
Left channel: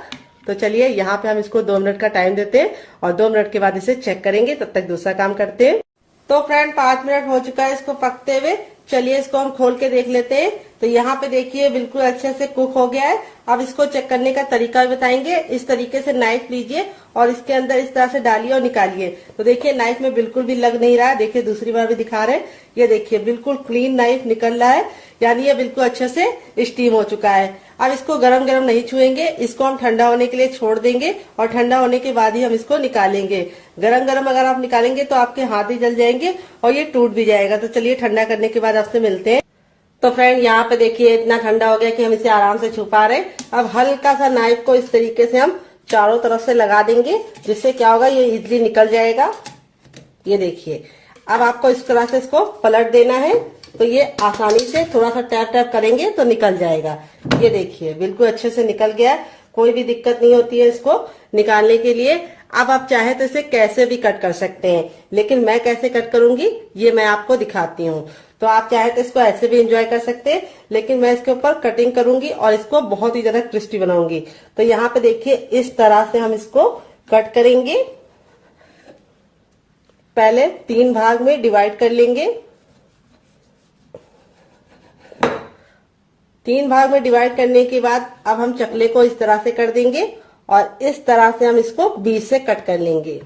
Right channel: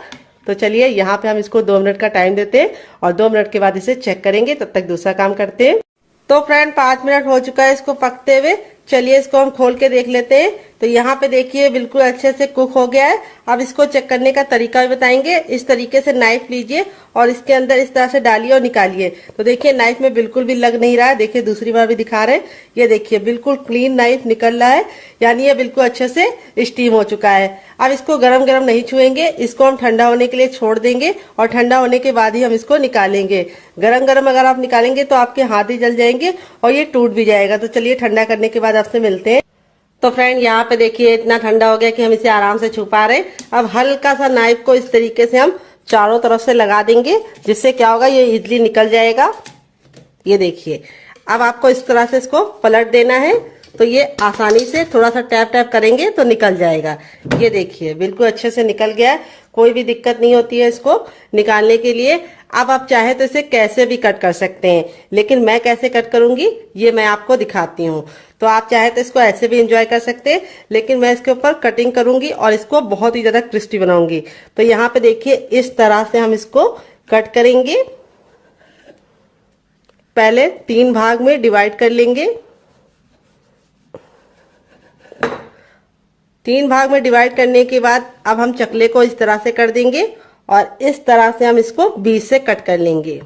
तो चलिए यहाँ पे हम इसको 2 मिनट का टाइम देते हैं और 2 मिनट के बाद इसे चेक करेंगे। तब तक दूसरा काम करते हैं। तो फ्रेंड 5 मिनट हो चुका है इसको पकते हुए। चलिए इसको हम खोल के देख लेते हैं। तो यहाँ पे देखिए बिल्कुल अच्छे से कुक हो गया है। अब इसको चेक करने का तरीका भी बताएंगे। इस तरीके से नाइफ लीजिए और इसके अंदर इस तरह से डालिए और निकालिए। तो देखिए नाइफ में बिल्कुल भी लग नहीं रहा है। देखिए दूसरी बार भी दिखा रहे हैं, ये देखिए बिल्कुल क्लीन नाइफ निकल रहा है, यानी ये बिल्कुल अच्छे से स्टीम हो चुका है। अब इसको गरम गरम नहीं छुएंगे, इसको हम ठंडा होने के लिए छोड़ देंगे और ठंडा होने के बाद ही हम इसको निकालेंगे। गरम गरम अगर आप निकालेंगे तो आपके हाथ ही जल जाएंगे और ये टूट भी जाएगा। तो चलिए ठंडा करने के बाद आपसे मिलते हैं। तो फ्रेंड यहाँ पे देखिए इतना ठंडा हो गया कि हम इसे आराम से छू पा रहे हैं। अब हल्का सा नाइफ को इस तरीके से हम चारों तरफ से लगा देंगे, जिससे क्या होगा ये इजली निकल जाएगा। ये देखिए अब आपको इस तरह से इसको पलट देना है, तो ये आसानी से थोड़ा सा टैप टैप करेंगे तो निकल जाएगा। ये देखिए बिल्कुल अच्छे से निकल गया है, कोई भी दिक्कत नहीं होती है इसको निकालने के लिए। अब आप चाहे तो इसे कैसे भी कट कर सकते हैं, लेकिन मैं कैसे कट करूंगी ये मैं आपको दिखाती हूँ। तो आप चाहे तो इसको ऐसे भी एंजॉय कर सकते हैं, लेकिन मैं इसके ऊपर कटिंग करूंगी और इसको बहुत ही ज्यादा क्रिस्पी बनाऊंगी। तो यहाँ पे देखिए इस तरह से हम इसको कट करेंगे। पहले 3 भाग में डिवाइड कर लेंगे। 3 भाग में डिवाइड करने के बाद अब हम चकले को इस तरह से कर देंगे और इस तरह से हम इसको बीच से कट कर लेंगे।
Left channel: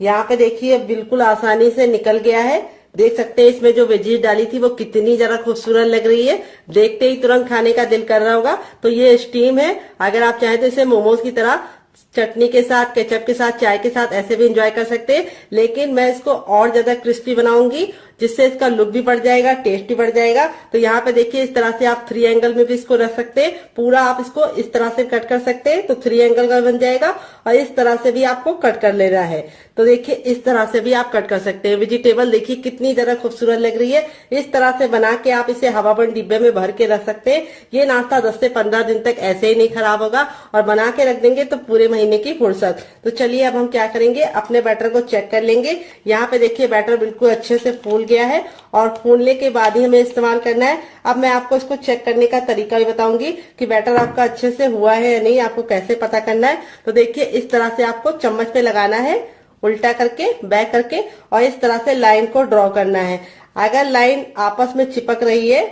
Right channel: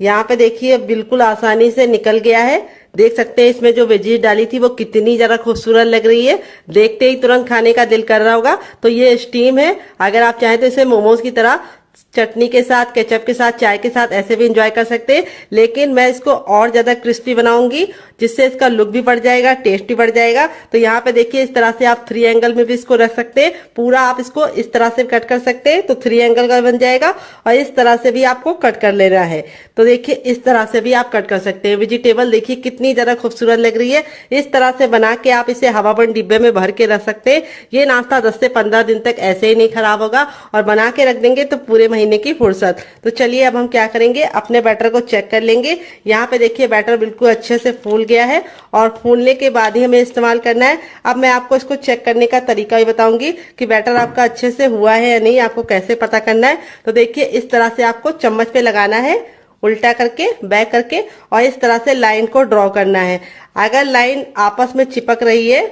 यहाँ पे देखिए बिल्कुल आसानी से निकल गया है। देख सकते हैं इसमें जो वेजीज डाली थी वो कितनी ज्यादा खूबसूरत लग रही है, देखते ही तुरंत खाने का दिल कर रहा होगा। तो ये स्टीम है। अगर आप चाहें तो इसे मोमोज की तरह चटनी के साथ, केचप के साथ, चाय के साथ ऐसे भी एंजॉय कर सकते हैं, लेकिन मैं इसको और ज्यादा क्रिस्पी बनाऊंगी जिससे इसका लुक भी बढ़ जाएगा, टेस्ट भी बढ़ जाएगा। तो यहाँ पे देखिए इस तरह से आप 3 एंगल में भी इसको रख सकते हैं। पूरा आप इसको इस तरह से कट कर सकते हैं तो 3 एंगल का बन जाएगा, और इस तरह से भी आपको कट कर लेना है। तो देखिए इस तरह से भी आप कट कर सकते हैं। वेजिटेबल देखिए कितनी ज्यादा खूबसूरत लग रही है। इस तरह से बना के आप इसे हवाबंद डिब्बे में भर के रख सकते हैं। ये नाश्ता 10 से 15 दिन तक ऐसे ही नहीं खराब होगा, और बना के रख देंगे तो पूरे महीने की फुर्सत। तो चलिए अब हम क्या करेंगे, अपने बैटर को चेक कर लेंगे। यहाँ पे देखिए बैटर बिल्कुल अच्छे से फूल गया है, और फूलने के बाद ही हमें इस्तेमाल करना है। अब मैं आपको इसको चेक करने का तरीका भी बताऊंगी कि बैटर आपका अच्छे से हुआ है या नहीं, आपको कैसे पता करना है। तो देखिए इस तरह से आपको चम्मच पे लगाना है उल्टा करके बैक करके और इस तरह से लाइन को ड्रॉ करना है। अगर लाइन आपस में चिपक रही है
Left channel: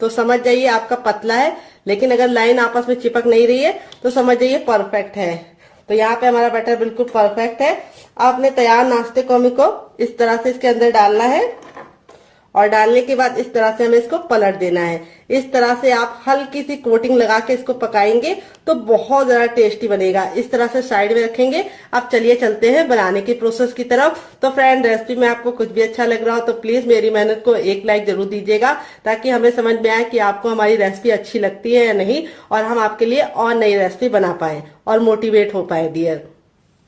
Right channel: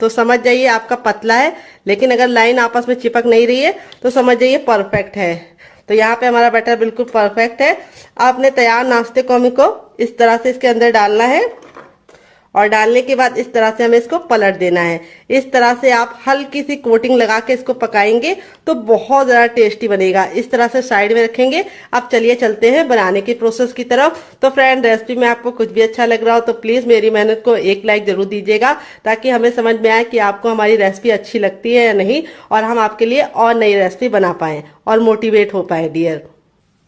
तो समझ जाइए आपका पतला है, लेकिन अगर लाइन आपस में चिपक नहीं रही है तो समझ जाइए परफेक्ट है। तो यहाँ पे हमारा बैटर बिल्कुल परफेक्ट है। आपने तैयार नाश्ते को हमें को इस तरह से इसके अंदर डालना है और डालने के बाद इस तरह से हमें इसको पलट देना है। इस तरह से आप हल्की सी कोटिंग लगा के इसको पकाएंगे तो बहुत ज्यादा टेस्टी बनेगा। इस तरह से साइड में रखेंगे। अब चलिए चलते हैं बनाने की प्रोसेस की तरफ। तो फ्रेंड, रेसिपी में आपको कुछ भी अच्छा लग रहा हो तो प्लीज मेरी मेहनत को एक लाइक जरूर दीजिएगा, ताकि हमें समझ में आए कि आपको हमारी रेसिपी अच्छी लगती है या नहीं, और हम आपके लिए और नई रेसिपी बना पाए और मोटिवेट हो पाए डियर।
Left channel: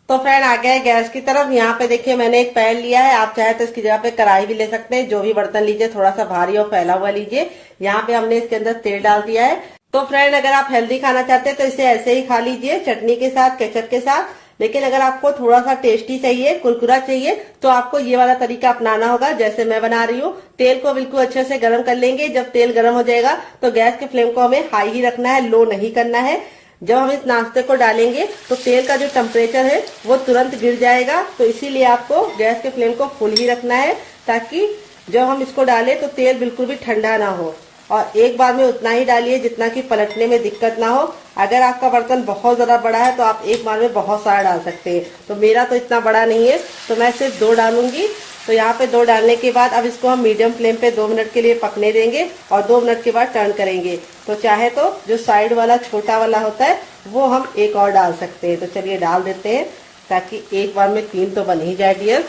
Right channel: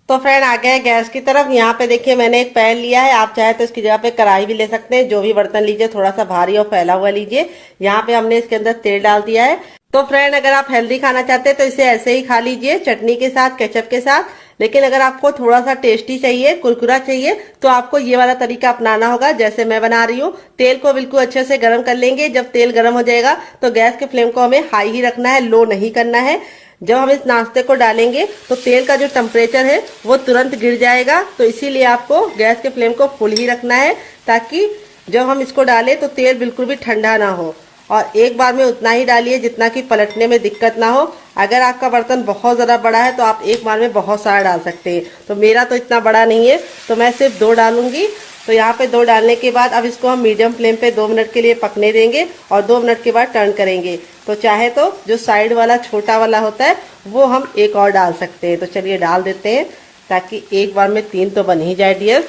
तो फ्रेंड, आ गए गैस की तरफ। यहाँ पे देखिए मैंने एक पैन लिया है। आप चाहे तो इसकी जगह पे कढ़ाई भी ले सकते हैं। जो भी बर्तन लीजिए थोड़ा सा भारी और फैला हुआ लीजिए। यहाँ पे हमने इसके अंदर तेल डाल दिया है। तो फ्रेंड, अगर आप हेल्दी खाना चाहते हैं तो इसे ऐसे ही खा लीजिए, चटनी के साथ, केचप के साथ। लेकिन अगर आपको थोड़ा सा टेस्टी चाहिए, कुरकुरा चाहिए, तो आपको ये वाला तरीका अपनाना होगा जैसे मैं बना रही हूँ। तेल को बिल्कुल अच्छे से गर्म कर लेंगे। जब तेल गर्म हो जाएगा तो गैस के फ्लेम को हमें हाई ही रखना है, लो नहीं करना है। जब हम इस नाश्ते को डालेंगे तो तेल का जो टेम्परेचर है वो तुरंत गिर जाएगा। तो इसीलिए आपको गैस के फ्लेम को फुल ही रखना है, ताकि जब हम इसको डालें तो तेल बिल्कुल भी ठंडा ना हो। और एक बार में उतना ही डालिए जितना कि पलटने में दिक्कत ना हो। अगर आपका बर्तन बहुत ज्यादा बड़ा है तो आप एक बार में बहुत सारा डाल सकते हैं। तो मेरा तो इतना बड़ा नहीं है, तो मैं सिर्फ 2 डालूंगी। तो यहाँ पे 2 डालने के बाद अब इसको हम मीडियम फ्लेम पे 2 मिनट के लिए पकने देंगे और 2 मिनट के बाद टर्न करेंगे। तो चाहे तो जो साइड वाला छोटा वाला होता है वो हम एक और डाल सकते हैं। तो चलिए डाल देते हैं, ताकि एक बार में 3 तो बन ही जाए डियर।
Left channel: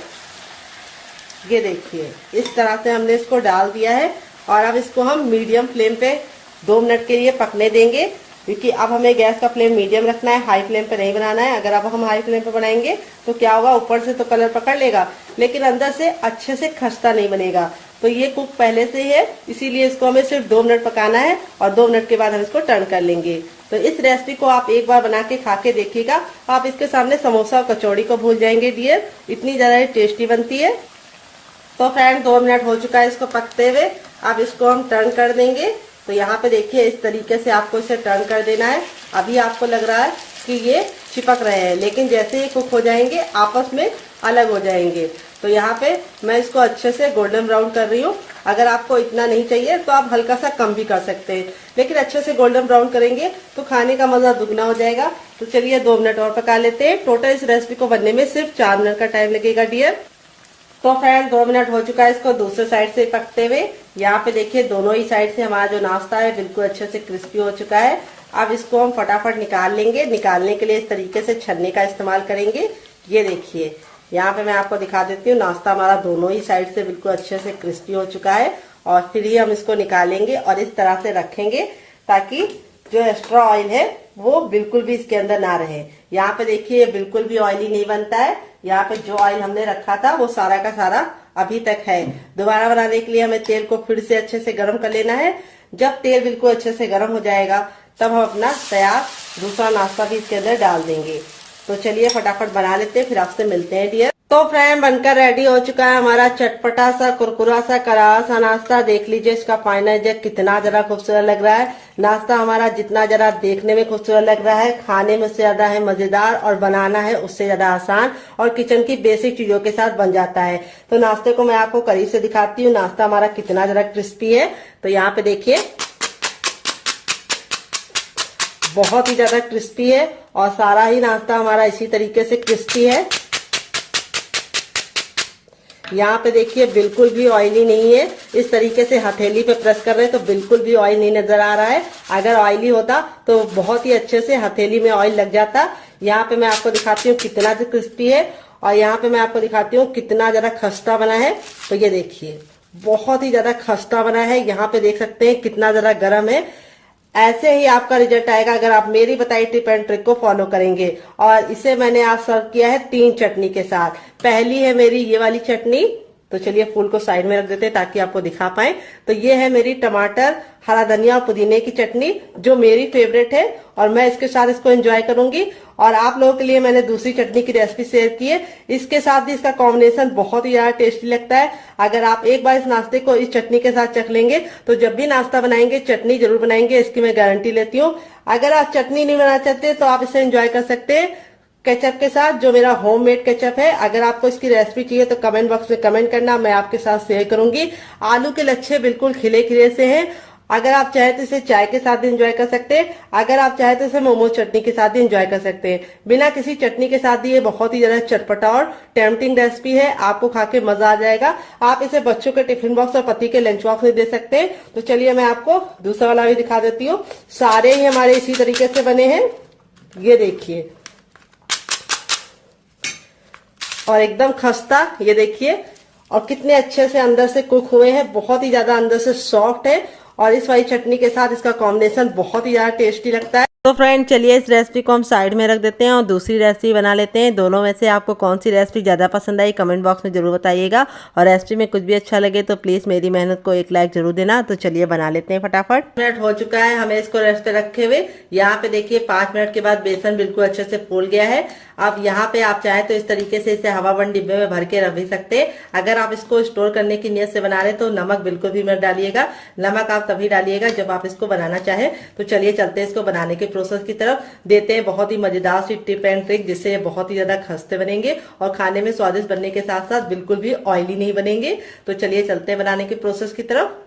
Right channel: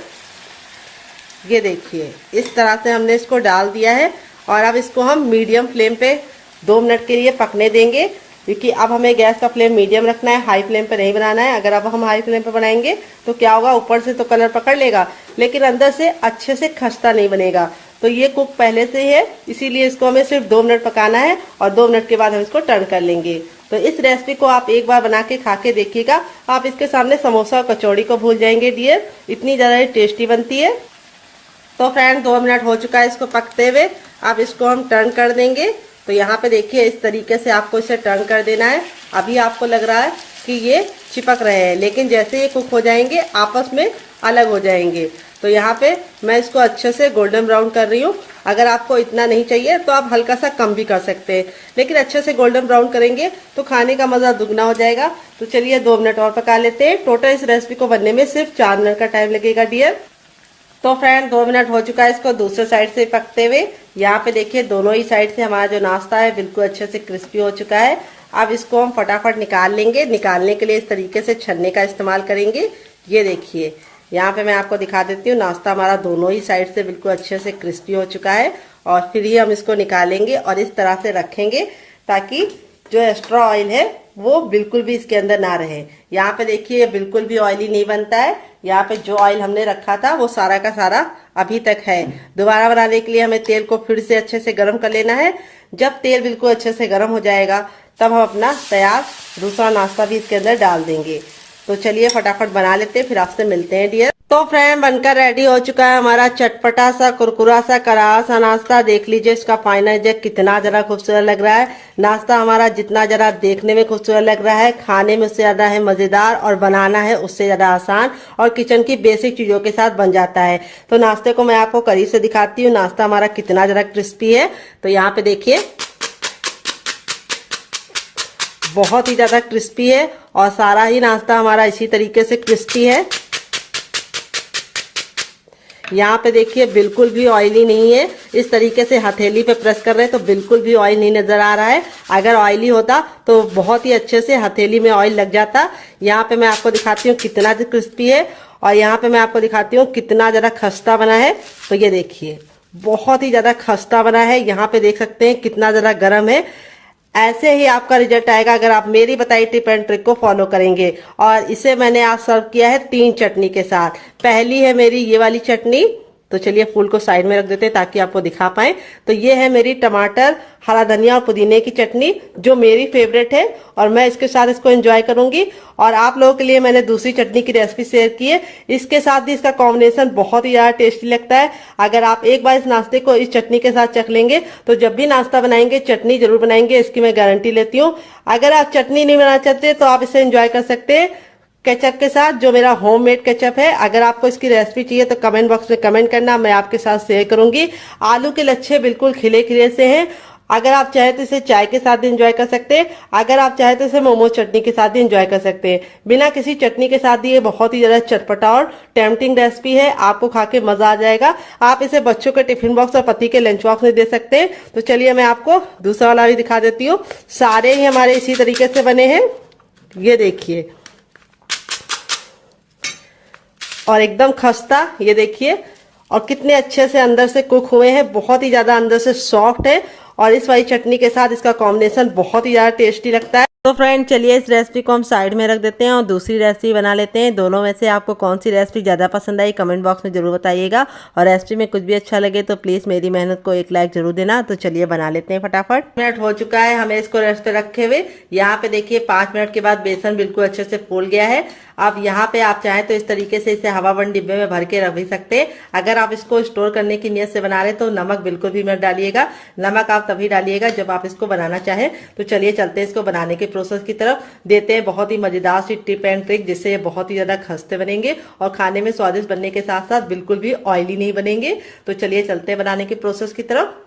ये देखिए इस तरह से हमने इसको डाल दिया है और अब इसको हम मीडियम फ्लेम पे 2 मिनट के लिए पकने देंगे, क्योंकि अब हमें गैस का फ्लेम मीडियम रखना है, हाई फ्लेम पे नहीं बनाना है। अगर अब हम हाई फ्लेम पे बनाएंगे तो क्या होगा, ऊपर से तो कलर पकड़ लेगा लेकिन अंदर से अच्छे से खस्ता नहीं बनेगा। तो ये कुक पहले से ही है, इसीलिए इसको हमें सिर्फ 2 मिनट पकाना है और 2 मिनट के बाद हम इसको टर्न कर लेंगे। तो इस रेसिपी को आप एक बार बना के खा के देखिएगा। आप इसके सामने समोसा और कचौड़ी को भूल जाएंगे डियर, इतनी ज्यादा टेस्टी बनती है। तो फ्रेंड, 2 मिनट हो चुका है इसको पकते हुए। अब इसको हम टर्न कर देंगे। तो यहाँ पे देखिए इस तरीके से आपको इसे टर्न कर देना है। अभी आपको लग रहा है कि ये चिपक रहे हैं, लेकिन जैसे ये कुक हो जाएंगे आपस में अलग हो जाएंगे। तो यहाँ पे मैं इसको अच्छे से गोल्डन ब्राउन कर रही हूँ। अगर आपको इतना नहीं चाहिए तो आप हल्का सा कम भी कर सकते हैं, लेकिन अच्छे से गोल्डन ब्राउन करेंगे तो खाने का मजा दुगना हो जाएगा। तो चलिए 2 मिनट और पका लेते हैं। टोटल इस रेसिपी को बनने में सिर्फ 4 मिनट का टाइम लगेगा डियर। तो फ्रेंड, 2 मिनट हो चुका है इसको दूसरे साइड से पकते हुए। यहाँ पे देखिए दोनों ही साइड से हमारा जो नाश्ता है बिल्कुल अच्छे से क्रिस्पी हो चुका है। अब इसको हम फटाफट निकाल लेंगे। निकालने के लिए इस तरीके से छन्ने का इस्तेमाल करेंगे। ये देखिए यहाँ पे मैं आपको दिखा देती हूँ, नाश्ता हमारा दोनों ही साइड से बिल्कुल अच्छे से क्रिस्पी हो चुका है। और फिर ही हम इसको निकालेंगे और इस तरह से रखेंगे ताकि जो एक्स्ट्रा ऑयल है वो बिल्कुल भी इसके अंदर ना रहे। यहाँ पे देखिए बिल्कुल भी ऑयली नहीं बनता है। यहाँ पे जो ऑयल हमने रखा था वो सारा का सारा अभी तक है। दोबारा बनाने के लिए हमें तेल को फिर से अच्छे से गर्म कर लेना है। जब तेल बिल्कुल अच्छे से गर्म हो जाएगा तब हम अपना तैयार दूसरा नाश्ता भी इसके अंदर डाल देंगे। तो चलिए फटाफट बना लेते हैं, फिर आपसे मिलते हैं डियर। तो फ्रेंड, बनकर रेडी हो चुका है हमारा चटपटा सा कुरकुरा सा करारा सा नाश्ता। देख लीजिए इसका फाइनल रिजल्ट कितना जरा खूबसूरत लग रहा है। नाश्ता हमारा जितना जरा देखने में खूबसूरत लग रहा है, खाने में उससे ज्यादा है मजेदार और बनाना है उससे ज्यादा आसान और किचन की बेसिक चीजों के साथ बन जाता है। तो नाश्ते को मैं आपको करीब से दिखाती हूँ, नाश्ता हमारा कितना जरा क्रिस्पी है। तो यहाँ पे देखिए बहुत ही ज्यादा क्रिस्पी है और सारा ही नाश्ता हमारा इसी तरीके से क्रिस्पी है। यहाँ पे देखिए बिल्कुल भी ऑयली नहीं है। इस तरीके से हथेली पे प्रेस कर रहे हैं तो बिल्कुल भी ऑयल नहीं नजर आ रहा है। अगर ऑयली होता तो बहुत ही अच्छे से हथेली में ऑयल लग जाता। यहाँ पे मैं आपको दिखाती हूँ कितना क्रिस्पी है और यहाँ पे मैं आपको दिखाती हूँ कितना ज्यादा खस्ता बना है। तो ये देखिए बहुत ही ज्यादा खस्ता बना है। यहाँ पे देख सकते हैं कितना ज्यादा गर्म है। ऐसे ही आपका रिजल्ट आएगा अगर आप मेरी बताई टिप एंड ट्रिक को फॉलो करेंगे। और इसे मैंने आज सर्व किया है 3 चटनी के साथ। पहली है मेरी ये वाली चटनी। तो चलिए फूल को साइड में रख देते हैं ताकि आपको दिखा पाए। तो ये है मेरी टमाटर, हरा धनिया और पुदीने की चटनी जो मेरी फेवरेट है और मैं इसके साथ इसको एंजॉय करूंगी। और आप लोगों के लिए मैंने दूसरी चटनी की रेसिपी शेयर की है। इसके साथ भी इसका कॉम्बिनेशन बहुत ही ज्यादा टेस्टी लगता है। अगर आप एक बार इस नाश्ते को इस चटनी के साथ चख लेंगे तो जब भी नाश्ता बनाएंगे चटनी जरूर बनाएंगे, इसकी मैं गारंटी लेती हूँ। अगर आप चटनी नहीं बनाना चाहते तो आप इसे एंजॉय कर सकते हैं केचप के साथ, जो मेरा होममेड केचप है। अगर आपको इसकी रेसिपी चाहिए तो कमेंट बॉक्स में कमेंट करना, मैं आपके साथ शेयर करूंगी। आलू के लच्छे बिल्कुल खिले खिले से हैं। अगर आप चाहे तो इसे चाय के साथ एंजॉय कर सकते हैं, अगर आप चाहे तो इसे मोमो चटनी के साथ एंजॉय कर सकते हैं। बिना किसी चटनी के साथ ये बहुत ही ज्यादा चटपटा और टेम्पटिंग रेसिपी है, आपको खा के मजा आ जाएगा। आप इसे बच्चों के टिफिन बॉक्स और पति के लंच बॉक्स में दे सकते हैं। तो चलिए मैं आपको दूसरा वाला भी दिखा देती हूँ। सारे ही हमारे इसी तरीके से बने हैं, ये देखिए, और एकदम खस्ता, ये देखिए, और कितने अच्छे से अंदर से कुक हुए हैं, बहुत ही ज्यादा अंदर से सॉफ्ट है। और इस वाली चटनी के साथ इसका कॉम्बिनेशन बहुत ही ज्यादा टेस्टी लगता है। तो फ्रेंड चलिए इस रेसिपी को हम साइड में रख देते हैं और दूसरी रेसिपी बना लेते हैं। दोनों में से आपको कौन सी रेसिपी ज़्यादा पसंद आई कमेंट बॉक्स में जरूर बताइएगा। और रेसिपी में कुछ भी अच्छा लगे तो प्लीज़ मेरी मेहनत को एक लाइक जरूर देना। तो चलिए बना लेते हैं फटाफट। मिनट हो चुका है हमें इसको रेस्ट रखे हुए। यहाँ पे देखिए 5 मिनट के बाद बेसन बिल्कुल अच्छे से फूल गया है। अब यहाँ पे आप चाहें तो इस तरीके से इसे हवाबंद डिब्बे में भर के रख भी सकते हैं। अगर आप इसको स्टोर करने की नीयत से बना रहे तो नमक बिल्कुल भी मत डालिएगा। नमक आप तभी डालिएगा जब आप इसको बनाना चाहें। तो चलिए चलते हैं इसको बनाने के प्रोसेस की तरफ। देते हैं बहुत ही मजेदार सी टिप एंड ट्रिक, जिससे ये बहुत ही ज्यादा खस्ते बनेंगे और खाने में स्वादिष्ट बनने के साथ साथ बिल्कुल भी ऑयली नहीं बनेंगे। तो चलिए चलते हैं बनाने के प्रोसेस की तरफ।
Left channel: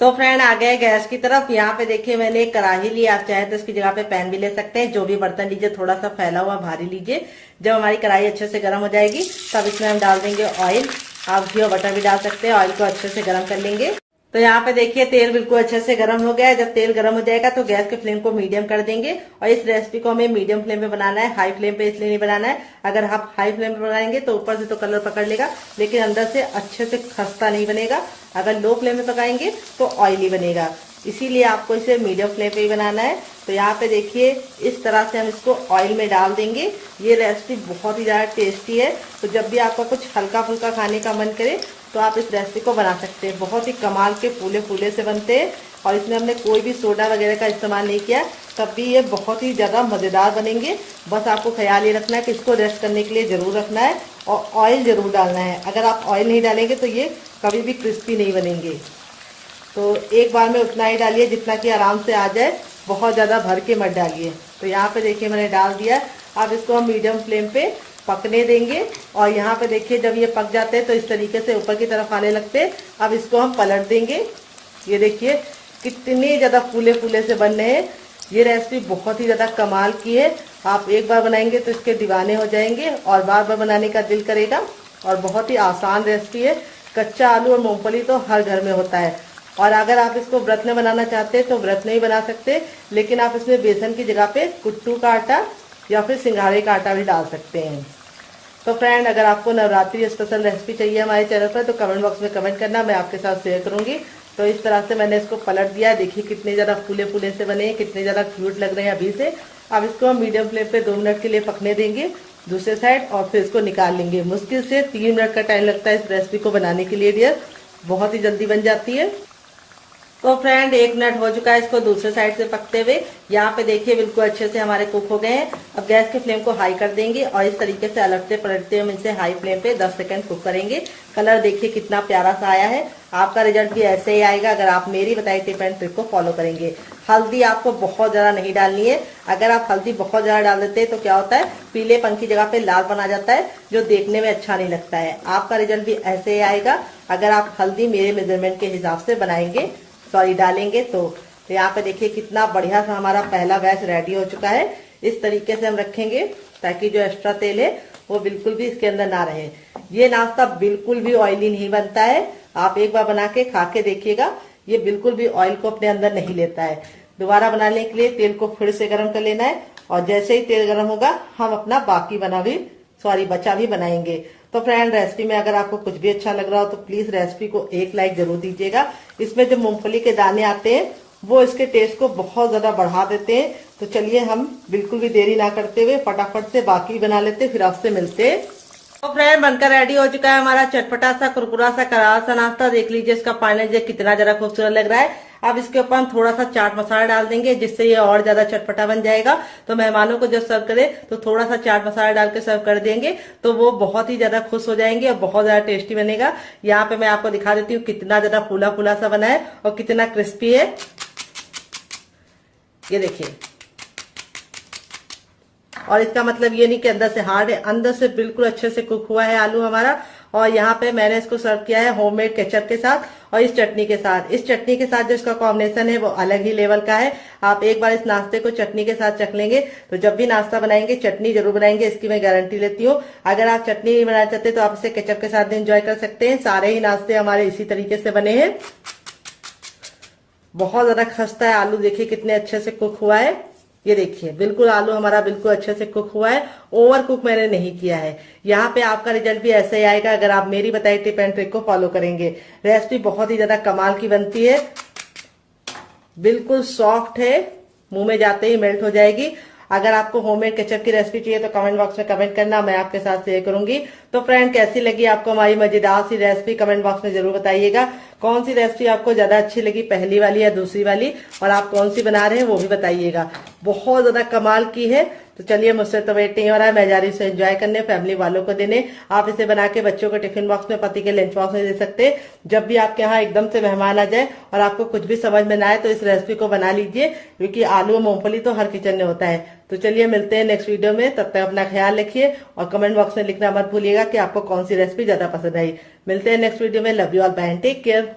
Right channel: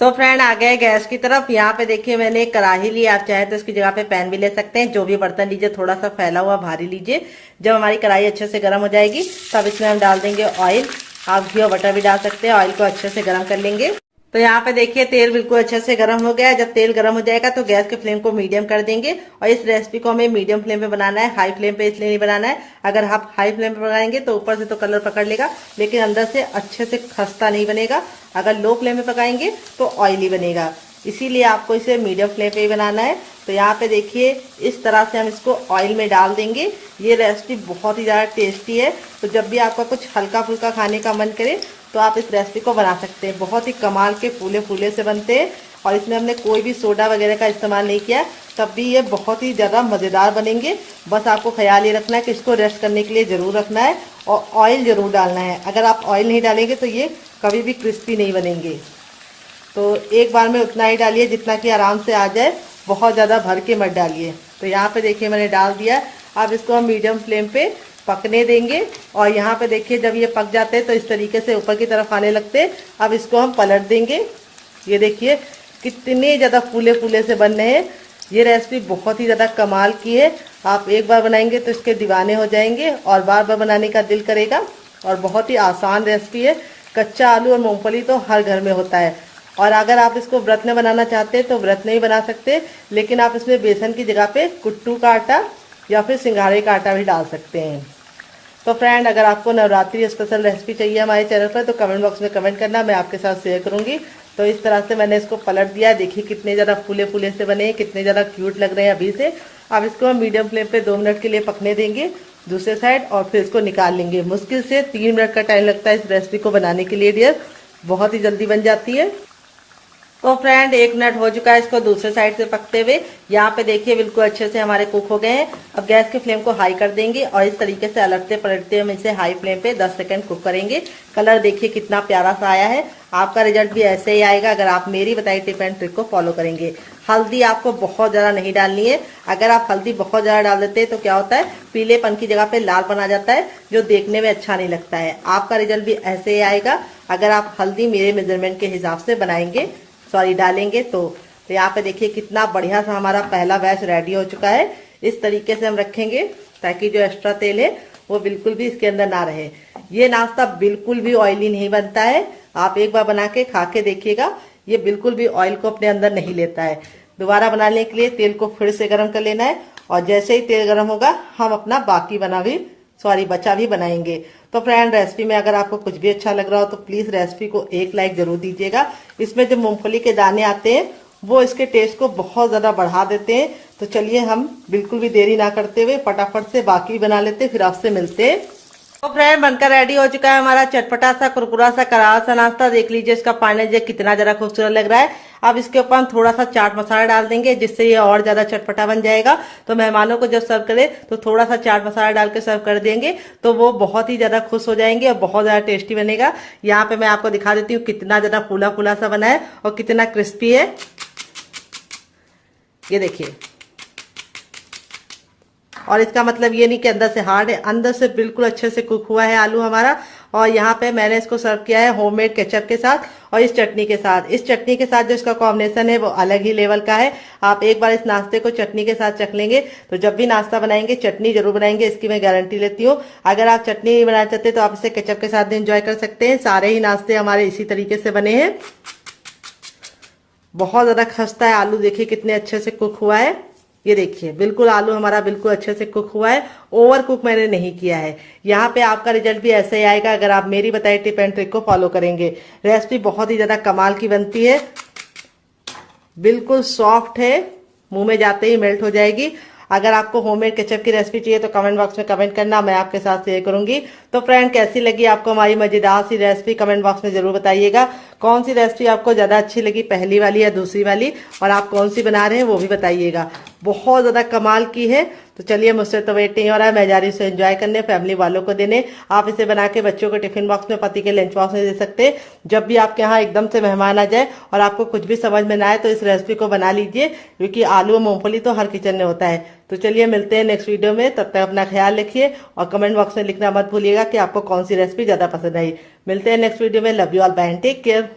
तो फ्रेंड आ गए गैस की तरफ। यहाँ पे देखिए मैंने एक कढ़ाई ली, आप चाहे तो इसकी जगह पे पैन भी ले सकते हैं। जो भी बर्तन लीजिए थोड़ा सा फैला हुआ भारी लीजिए। जब हमारी कढ़ाई अच्छे से गर्म हो जाएगी तब इसमें हम डाल देंगे ऑयल। आप घी और बटर भी डाल सकते हैं। ऑयल को अच्छे से गर्म कर लेंगे। तो यहाँ पे देखिए तेल बिल्कुल अच्छे से गर्म हो गया है। जब तेल गर्म हो जाएगा तो गैस के फ्लेम को मीडियम कर देंगे। और इस रेसिपी को हमें मीडियम फ्लेम पे बनाना है, हाई फ्लेम पे इसलिए नहीं बनाना है। अगर आप हाई फ्लेम पे बनाएंगे तो ऊपर से तो कलर पकड़ लेगा लेकिन अंदर से अच्छे से खस्ता नहीं बनेगा। अगर लो फ्लेम में पकाएंगे तो ऑयली बनेगा, इसीलिए आपको इसे मीडियम फ्लेम पे ही बनाना है। तो यहाँ पे देखिए इस तरह से हम इसको ऑयल में डाल देंगे। ये रेसिपी बहुत ही ज्यादा टेस्टी है। तो जब भी आपका कुछ हल्का फुल्का खाने का मन करे तो आप इस रेसिपी को बना सकते हैं। बहुत ही कमाल के फूले फूले से बनते हैं और इसमें हमने कोई भी सोडा वगैरह का इस्तेमाल नहीं किया, तब भी ये बहुत ही ज्यादा मजेदार बनेंगे। बस आपको ख्याल ये रखना है कि इसको रेस्ट करने के लिए जरूर रखना है और ऑयल जरूर डालना है। अगर आप ऑयल नहीं डालेंगे तो ये कभी भी क्रिस्पी नहीं बनेंगे। तो एक बार में उतना ही डालिए जितना कि आराम से आ जाए, बहुत ज्यादा भर के मत डालिए। तो यहाँ पे देखिए मैंने डाल दिया। अब इसको हम मीडियम फ्लेम पे पकने देंगे। और यहाँ पे देखिए जब ये पक जाते हैं तो इस तरीके से ऊपर की तरफ आने लगते हैं। अब इसको हम पलट देंगे। ये देखिए कितने ज्यादा फूले फूले से बन रहे हैं। ये रेसिपी बहुत ही ज्यादा कमाल की है। आप एक बार बनाएंगे तो इसके दीवाने हो जाएंगे और बार बार बनाने का दिल करेगा। और बहुत ही आसान रेसिपी है। कच्चा आलू और मूंगफली तो हर घर में होता है। और अगर आप इसको व्रत में बनाना चाहते हैं तो व्रत में ही बना सकते, लेकिन आप इसमें बेसन की जगह पे कुट्टू का आटा या फिर सिंघाड़े का आटा भी डाल सकते हैं। तो फ्रेंड अगर आपको नवरात्रि स्पेशल रेसिपी चाहिए हमारे चैनल पर तो कमेंट बॉक्स में कमेंट करना, मैं आपके साथ शेयर करूंगी। तो इस तरह से मैंने इसको पलट दिया। देखिए कितने ज्यादा फूले फूले से बने, कितने ज्यादा क्यूट लग रहे हैं अभी से। अब इसको हम मीडियम फ्लेम पे 2 मिनट के लिए पकने देंगे दूसरे साइड और फिर इसको निकाल लेंगे। मुश्किल से 3 मिनट का टाइम लगता है इस रेसिपी को बनाने के लिए डियर, बहुत ही जल्दी बन जाती है। तो फ्रेंड 1 मिनट हो चुका है इसको दूसरे साइड से पकते हुए। यहाँ पे देखिए बिल्कुल अच्छे से हमारे कुक हो गए हैं। अब गैस के फ्लेम को हाई कर देंगे और इस तरीके से अलगते पलटते हम इसे हाई फ्लेम पे 10 सेकंड कुक करेंगे। कलर देखिए कितना प्यारा सा आया है। आपका रिजल्ट भी ऐसे ही आएगा अगर आप मेरी बताई टिप एंड ट्रिक को फॉलो करेंगे। हल्दी आपको बहुत ज्यादा नहीं डालनी है। अगर आप हल्दी बहुत ज्यादा डाल देते हैं तो क्या होता है, पीलेपन की जगह पे लालपन आ जाता है जो देखने में अच्छा नहीं लगता है। आपका रिजल्ट भी ऐसे ही आएगा अगर आप हल्दी मेरे मेजरमेंट के हिसाब से बनाएंगे डालेंगे तो यहाँ पे देखिए कितना बढ़िया सा हमारा पहला बैच रेडी हो चुका है। इस तरीके से हम रखेंगे ताकि जो एक्स्ट्रा तेल है वो बिल्कुल भी इसके अंदर ना रहे। ये नाश्ता बिल्कुल भी ऑयली नहीं बनता है। आप एक बार बना के खा के देखिएगा, ये बिल्कुल भी ऑयल को अपने अंदर नहीं लेता है। दोबारा बनाने के लिए तेल को फिर से गर्म कर लेना है और जैसे ही तेल गर्म होगा हम अपना बाकी बचा भी बनाएंगे। तो फ्रेंड रेसिपी में अगर आपको कुछ भी अच्छा लग रहा हो तो प्लीज रेसिपी को एक लाइक जरूर दीजिएगा। इसमें जो मूंगफली के दाने आते हैं वो इसके टेस्ट को बहुत ज्यादा बढ़ा देते हैं। तो चलिए हम बिल्कुल भी देरी ना करते हुए फटाफट से बाकी बना लेते, फिर आपसे मिलते हैं। तो फ्रेंड बनकर रेडी हो चुका है हमारा चटपटा सा कुरकुरा सा करारा सा नाश्ता। देख लीजिए इसका पानी कितना जरा खूबसूरत लग रहा है। अब इसके ऊपर हम थोड़ा सा चाट मसाला डाल देंगे जिससे ये और ज्यादा चटपटा बन जाएगा। तो मेहमानों को जब सर्व करें तो थोड़ा सा चाट मसाला डाल के सर्व कर देंगे तो वो बहुत ही ज्यादा खुश हो जाएंगे और बहुत ज्यादा टेस्टी बनेगा। यहाँ पे मैं आपको दिखा देती हूँ कितना ज्यादा फूला फूला सा बना है और कितना क्रिस्पी है। ये देखिए और इसका मतलब ये नहीं कि अंदर से हार्ड है, अंदर से बिल्कुल अच्छे से कुक हुआ है आलू हमारा। और यहाँ पे मैंने इसको सर्व किया है होममेड केचप के साथ और इस चटनी के साथ। इस चटनी के साथ जो इसका कॉम्बिनेशन है वो अलग ही लेवल का है। आप एक बार इस नाश्ते को चटनी के साथ चख लेंगे तो जब भी नाश्ता बनाएंगे चटनी जरूर बनाएंगे, इसकी मैं गारंटी लेती हूँ। अगर आप चटनी नहीं बनाना चाहते तो आप इसे केचप के साथ भी एंजॉय कर सकते हैं। सारे ही नाश्ते हमारे इसी तरीके से बने हैं। बहुत ज्यादा खस्ता है आलू, देखिए कितने अच्छे से कुक हुआ है। ये देखिए बिल्कुल आलू हमारा बिल्कुल अच्छे से कुक हुआ है, ओवर कुक मैंने नहीं किया है। यहाँ पे आपका रिजल्ट भी ऐसे ही आएगा अगर आप मेरी बताई टिप एंड ट्रिक को फॉलो करेंगे। रेसिपी बहुत ही ज्यादा कमाल की बनती है, बिल्कुल सॉफ्ट है, मुंह में जाते ही मेल्ट हो जाएगी। अगर आपको होममेड केचप की रेसिपी चाहिए तो कमेंट बॉक्स में कमेंट करना, मैं आपके साथ शेयर करूंगी। तो फ्रेंड कैसी लगी आपको हमारी मजेदार सी रेसिपी कमेंट बॉक्स में जरूर बताइएगा। कौन सी रेसिपी आपको ज्यादा अच्छी लगी, पहली वाली या दूसरी वाली, और आप कौन सी बना रहे हैं वो भी बताइएगा। बहुत ज्यादा कमाल की है। तो चलिए मुझसे तो वेट नहीं हो रहा है, मैं जा रही हूँ इसे एंजॉय करने, फैमिली वालों को देने। आप इसे बना के बच्चों के टिफिन बॉक्स में, पति के लंच बॉक्स में दे सकते। जब भी आपके यहाँ एकदम से मेहमान आ जाए और आपको कुछ भी समझ में ना आए तो इस रेसिपी को बना लीजिए, क्योंकि आलू और मूंगफली तो हर किचन में होता है। तो चलिए मिलते हैं नेक्स्ट वीडियो में, तब तक अपना ख्याल रखिए और कमेंट बॉक्स में लिखना मत भूलिएगा कि आपको कौन सी रेसिपी ज्यादा पसंद आई। मिलते हैं नेक्स्ट वीडियो में। Love you all, bye, take care.